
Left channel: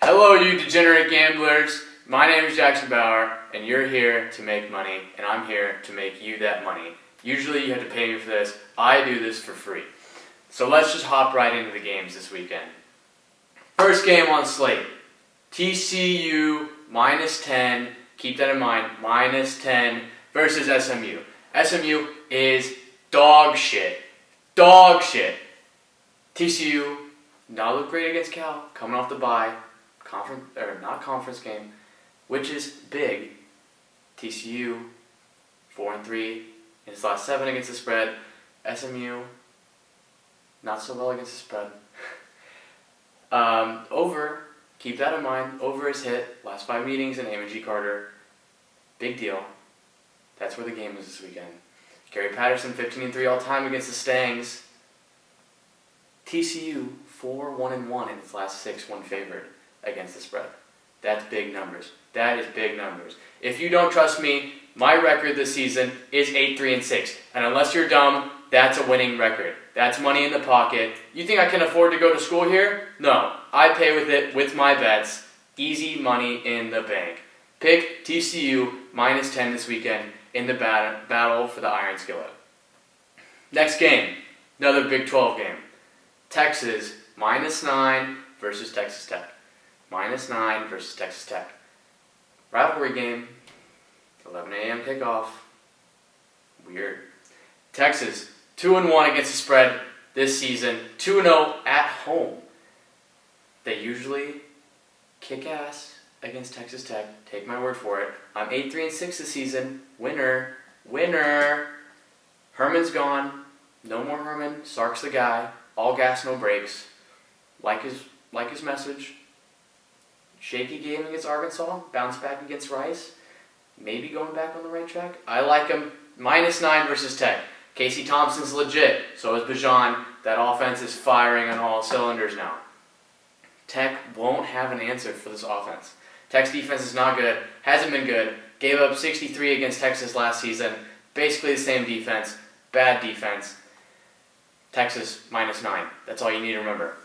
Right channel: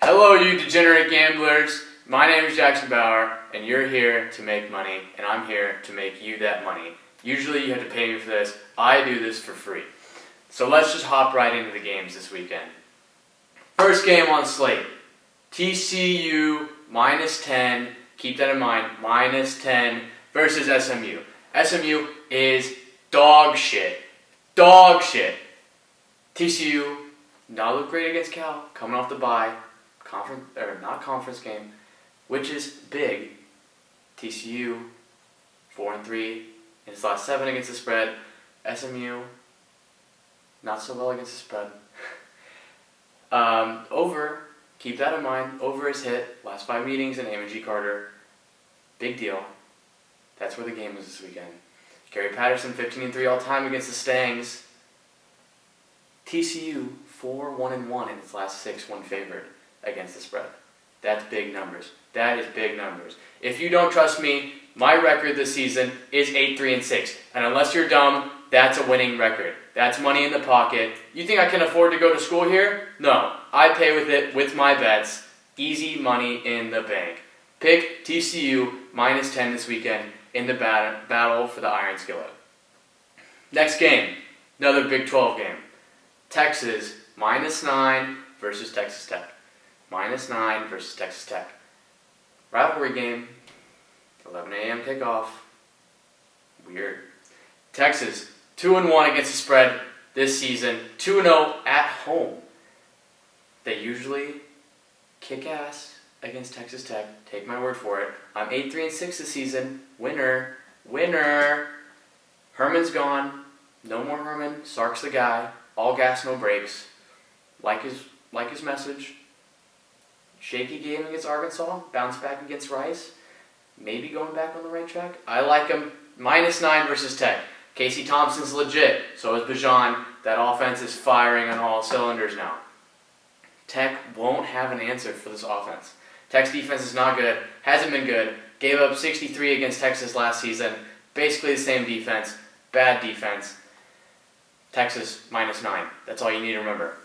Hello, you degenerate gamblers. My name is Jackson Bauer, and you're here to make money, and I'm here to make you that money. Usually you have to pay me for this. I do this for free. So let's just hop right into the games this weekend. First game on slate. TCU -10. Keep that in mind. -10 versus SMU. SMU is dog shit. Dog shit. TCU not look great against Cal. Coming off the bye. Conference game. Which is big. TCU 4-3 in his last 7 against the spread. SMU not so well against the spread. Over, keep that in mind. Over is hit. Last 5 meetings in Amon G. Carter. Big deal. That's where the game was this weekend. Gary Patterson 15-3 all time against the Stangs. TCU 4-1-1 in its last 6 1 favored against the spread. That's big numbers. That is big numbers. If you don't trust me, my record this season is 8-3-6. And unless you're dumb, that's a winning record. That's money in the pocket. You think I can afford to go to school here? No. I pay with it with my bets. Easy money in the bank. Pick TCU -10 this weekend in the battle for the Iron Skillet. Next game, another Big 12 game. Texas -9 versus Texas Tech. -9 versus Texas Tech. Rivalry game, 11 a.m. kickoff. Weird. Texas 2-1 against the spread this season. 2-0 at home. They usually kick ass against Texas Tech. Take my word for it. I'm 8-3-6 this season. Winner. Herman's gone. No more Herman. Sark's the guy. All gas, no brakes. Like his message. Shaky game against Arkansas. Bounce back against Rice. Maybe going back on the right track. I like him. -9 versus Tech. Casey Thompson's legit. So is Bijan. That offense is firing on all cylinders now. Tech won't have an answer for this offense. Tech's defense is not good. Hasn't been good. Gave up 63 against Texas last season. Basically the same defense. Bad defense. Texas -9. That's all you need to remember.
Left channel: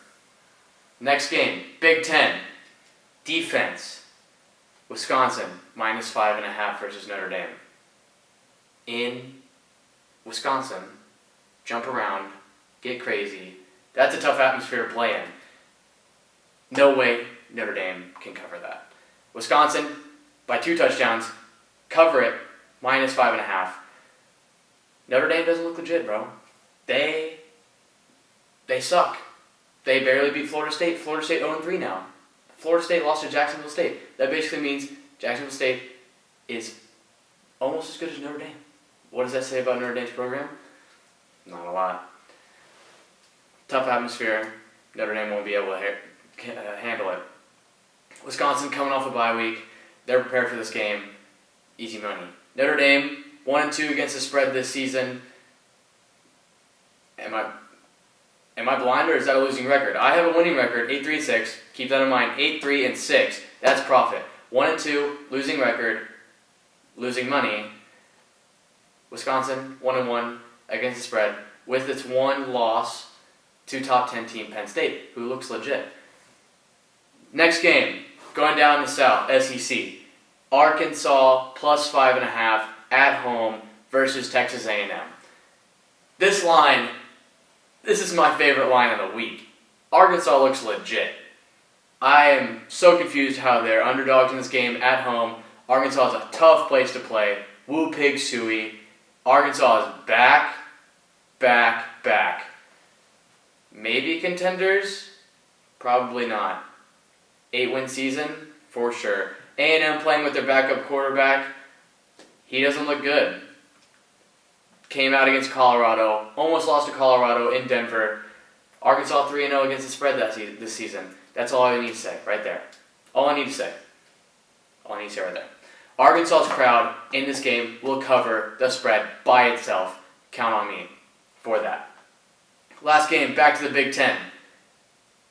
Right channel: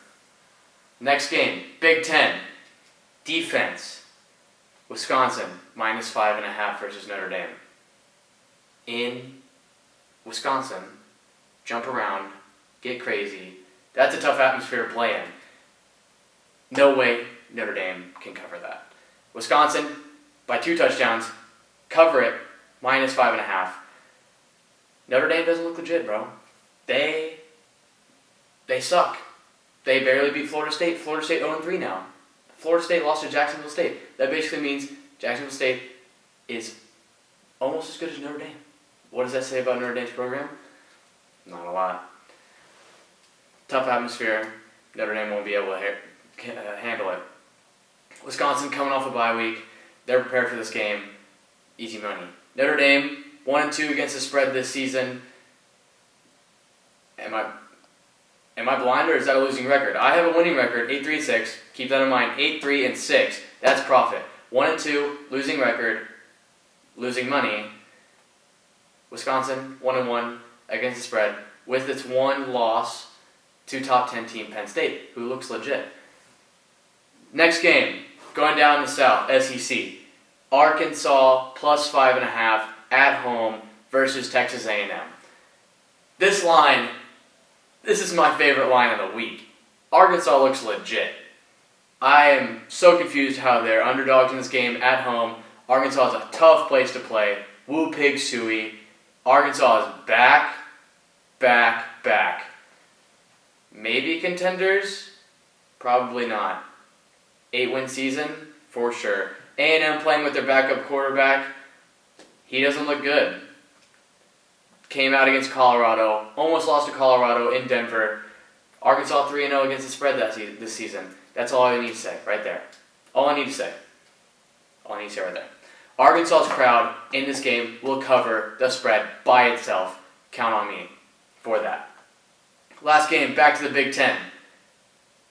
Next game, Big Ten. Defense. Wisconsin -5.5 versus Notre Dame. In Wisconsin, jump around, get crazy. That's a tough atmosphere to play in. No way Notre Dame can cover that. Wisconsin, by 2 touchdowns, cover it, -5.5. Notre Dame doesn't look legit, bro. They suck. They barely beat Florida State. Florida State 0-3 now. Florida State lost to Jacksonville State. That basically means Jacksonville State is almost as good as Notre Dame. What does that say about Notre Dame's program? Not a lot. Tough atmosphere. Notre Dame won't be able to handle it. Wisconsin coming off a bye week. They're prepared for this game. Easy money. Notre Dame 1-2 against the spread this season. Am I blind, or is that a losing record? I have a winning record, 8-3-6. Keep that in mind, 8-3-6. That's profit. 1-2, losing record, losing money. Wisconsin 1-1 against the spread with its one loss to top 10 team Penn State, who looks legit. Next game, going down the south, SEC. Arkansas +5.5 at home versus Texas A&M. This is my favorite line of the week. Arkansas looks legit. I am so confused how they're underdogs in this game at home. Arkansas is a tough place to play. Woo pig suey. Arkansas is back. Maybe contenders? Probably not. 8-win season? For sure. A&M playing with their backup quarterback. He doesn't look good. Came out against Colorado. Almost lost to Colorado in Denver. Arkansas 3-0 against the spread this season. That's all I need to say right there. All I need to say right there. Arkansas's crowd in this game will cover the spread by itself. Count on me for that. Last game, back to the Big Ten.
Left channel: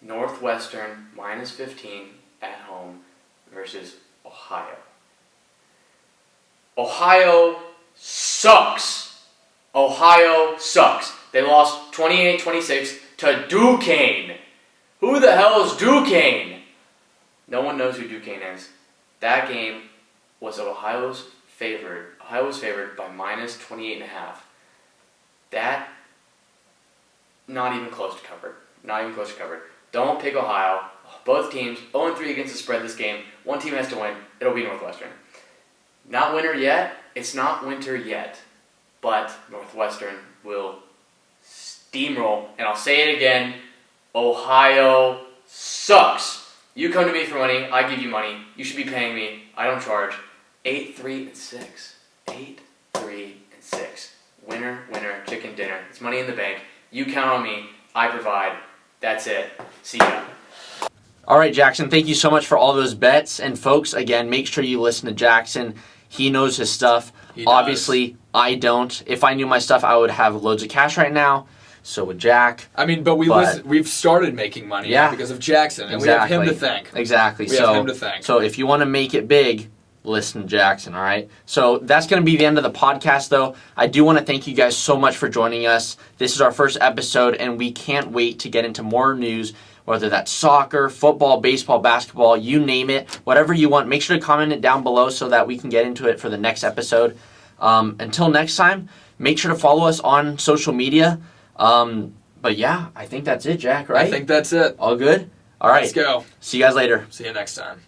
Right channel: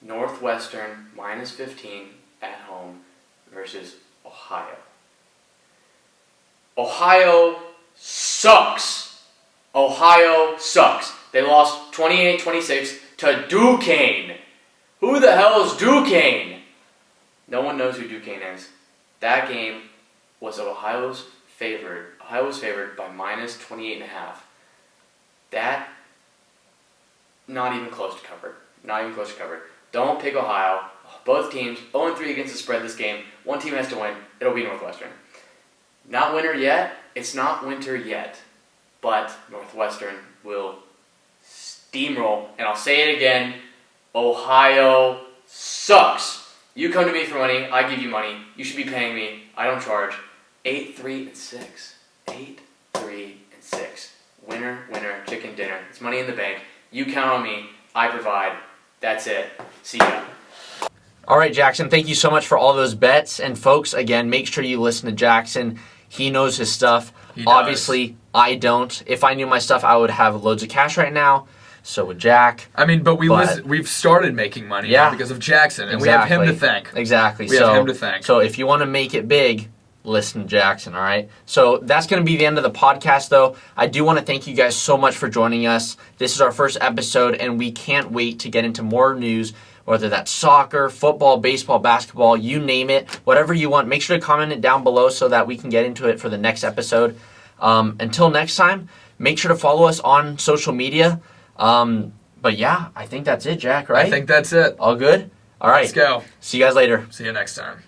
Northwestern -15 at home versus Ohio. Ohio sucks. They lost 28-26 to Duquesne. Who the hell is Duquesne? No one knows who Duquesne is. That game was Ohio's favored. Ohio was favored by -28.5. That, not even close to covered. Don't pick Ohio. Both teams 0-3 against the spread this game. One team has to win. It'll be Northwestern. Not winter yet. It's not winter yet. But Northwestern will steamroll. And I'll say it again. Ohio sucks. You come to me for money. I give you money. You should be paying me. I don't charge. 8-3-6. 8-3-6. Winner, chicken dinner. It's money in the bank. You count on me. I provide. That's it. See ya. All right, Jackson, thank you so much for all those bets. And folks, again, make sure you listen to Jackson. He knows his stuff. Obviously, I don't. If I knew my stuff, I would have loads of cash right now. So would Jack. I mean, but we've started making money now because of Jackson, and we have him to thank. Exactly. We have him to thank. So if you want to make it big, listen to Jackson, all right? So that's going to be the end of the podcast, though. I do want to thank you guys so much for joining us. This is our first episode, and we can't wait to get into more news, whether that's soccer, football, baseball, basketball, you name it, whatever you want. Make sure to comment it down below so that we can get into it for the next episode. Until next time, make sure to follow us on social media. But yeah, I think that's it, Jack, right? I think that's it. All good? All right. Let's go. See you guys later. See you next time.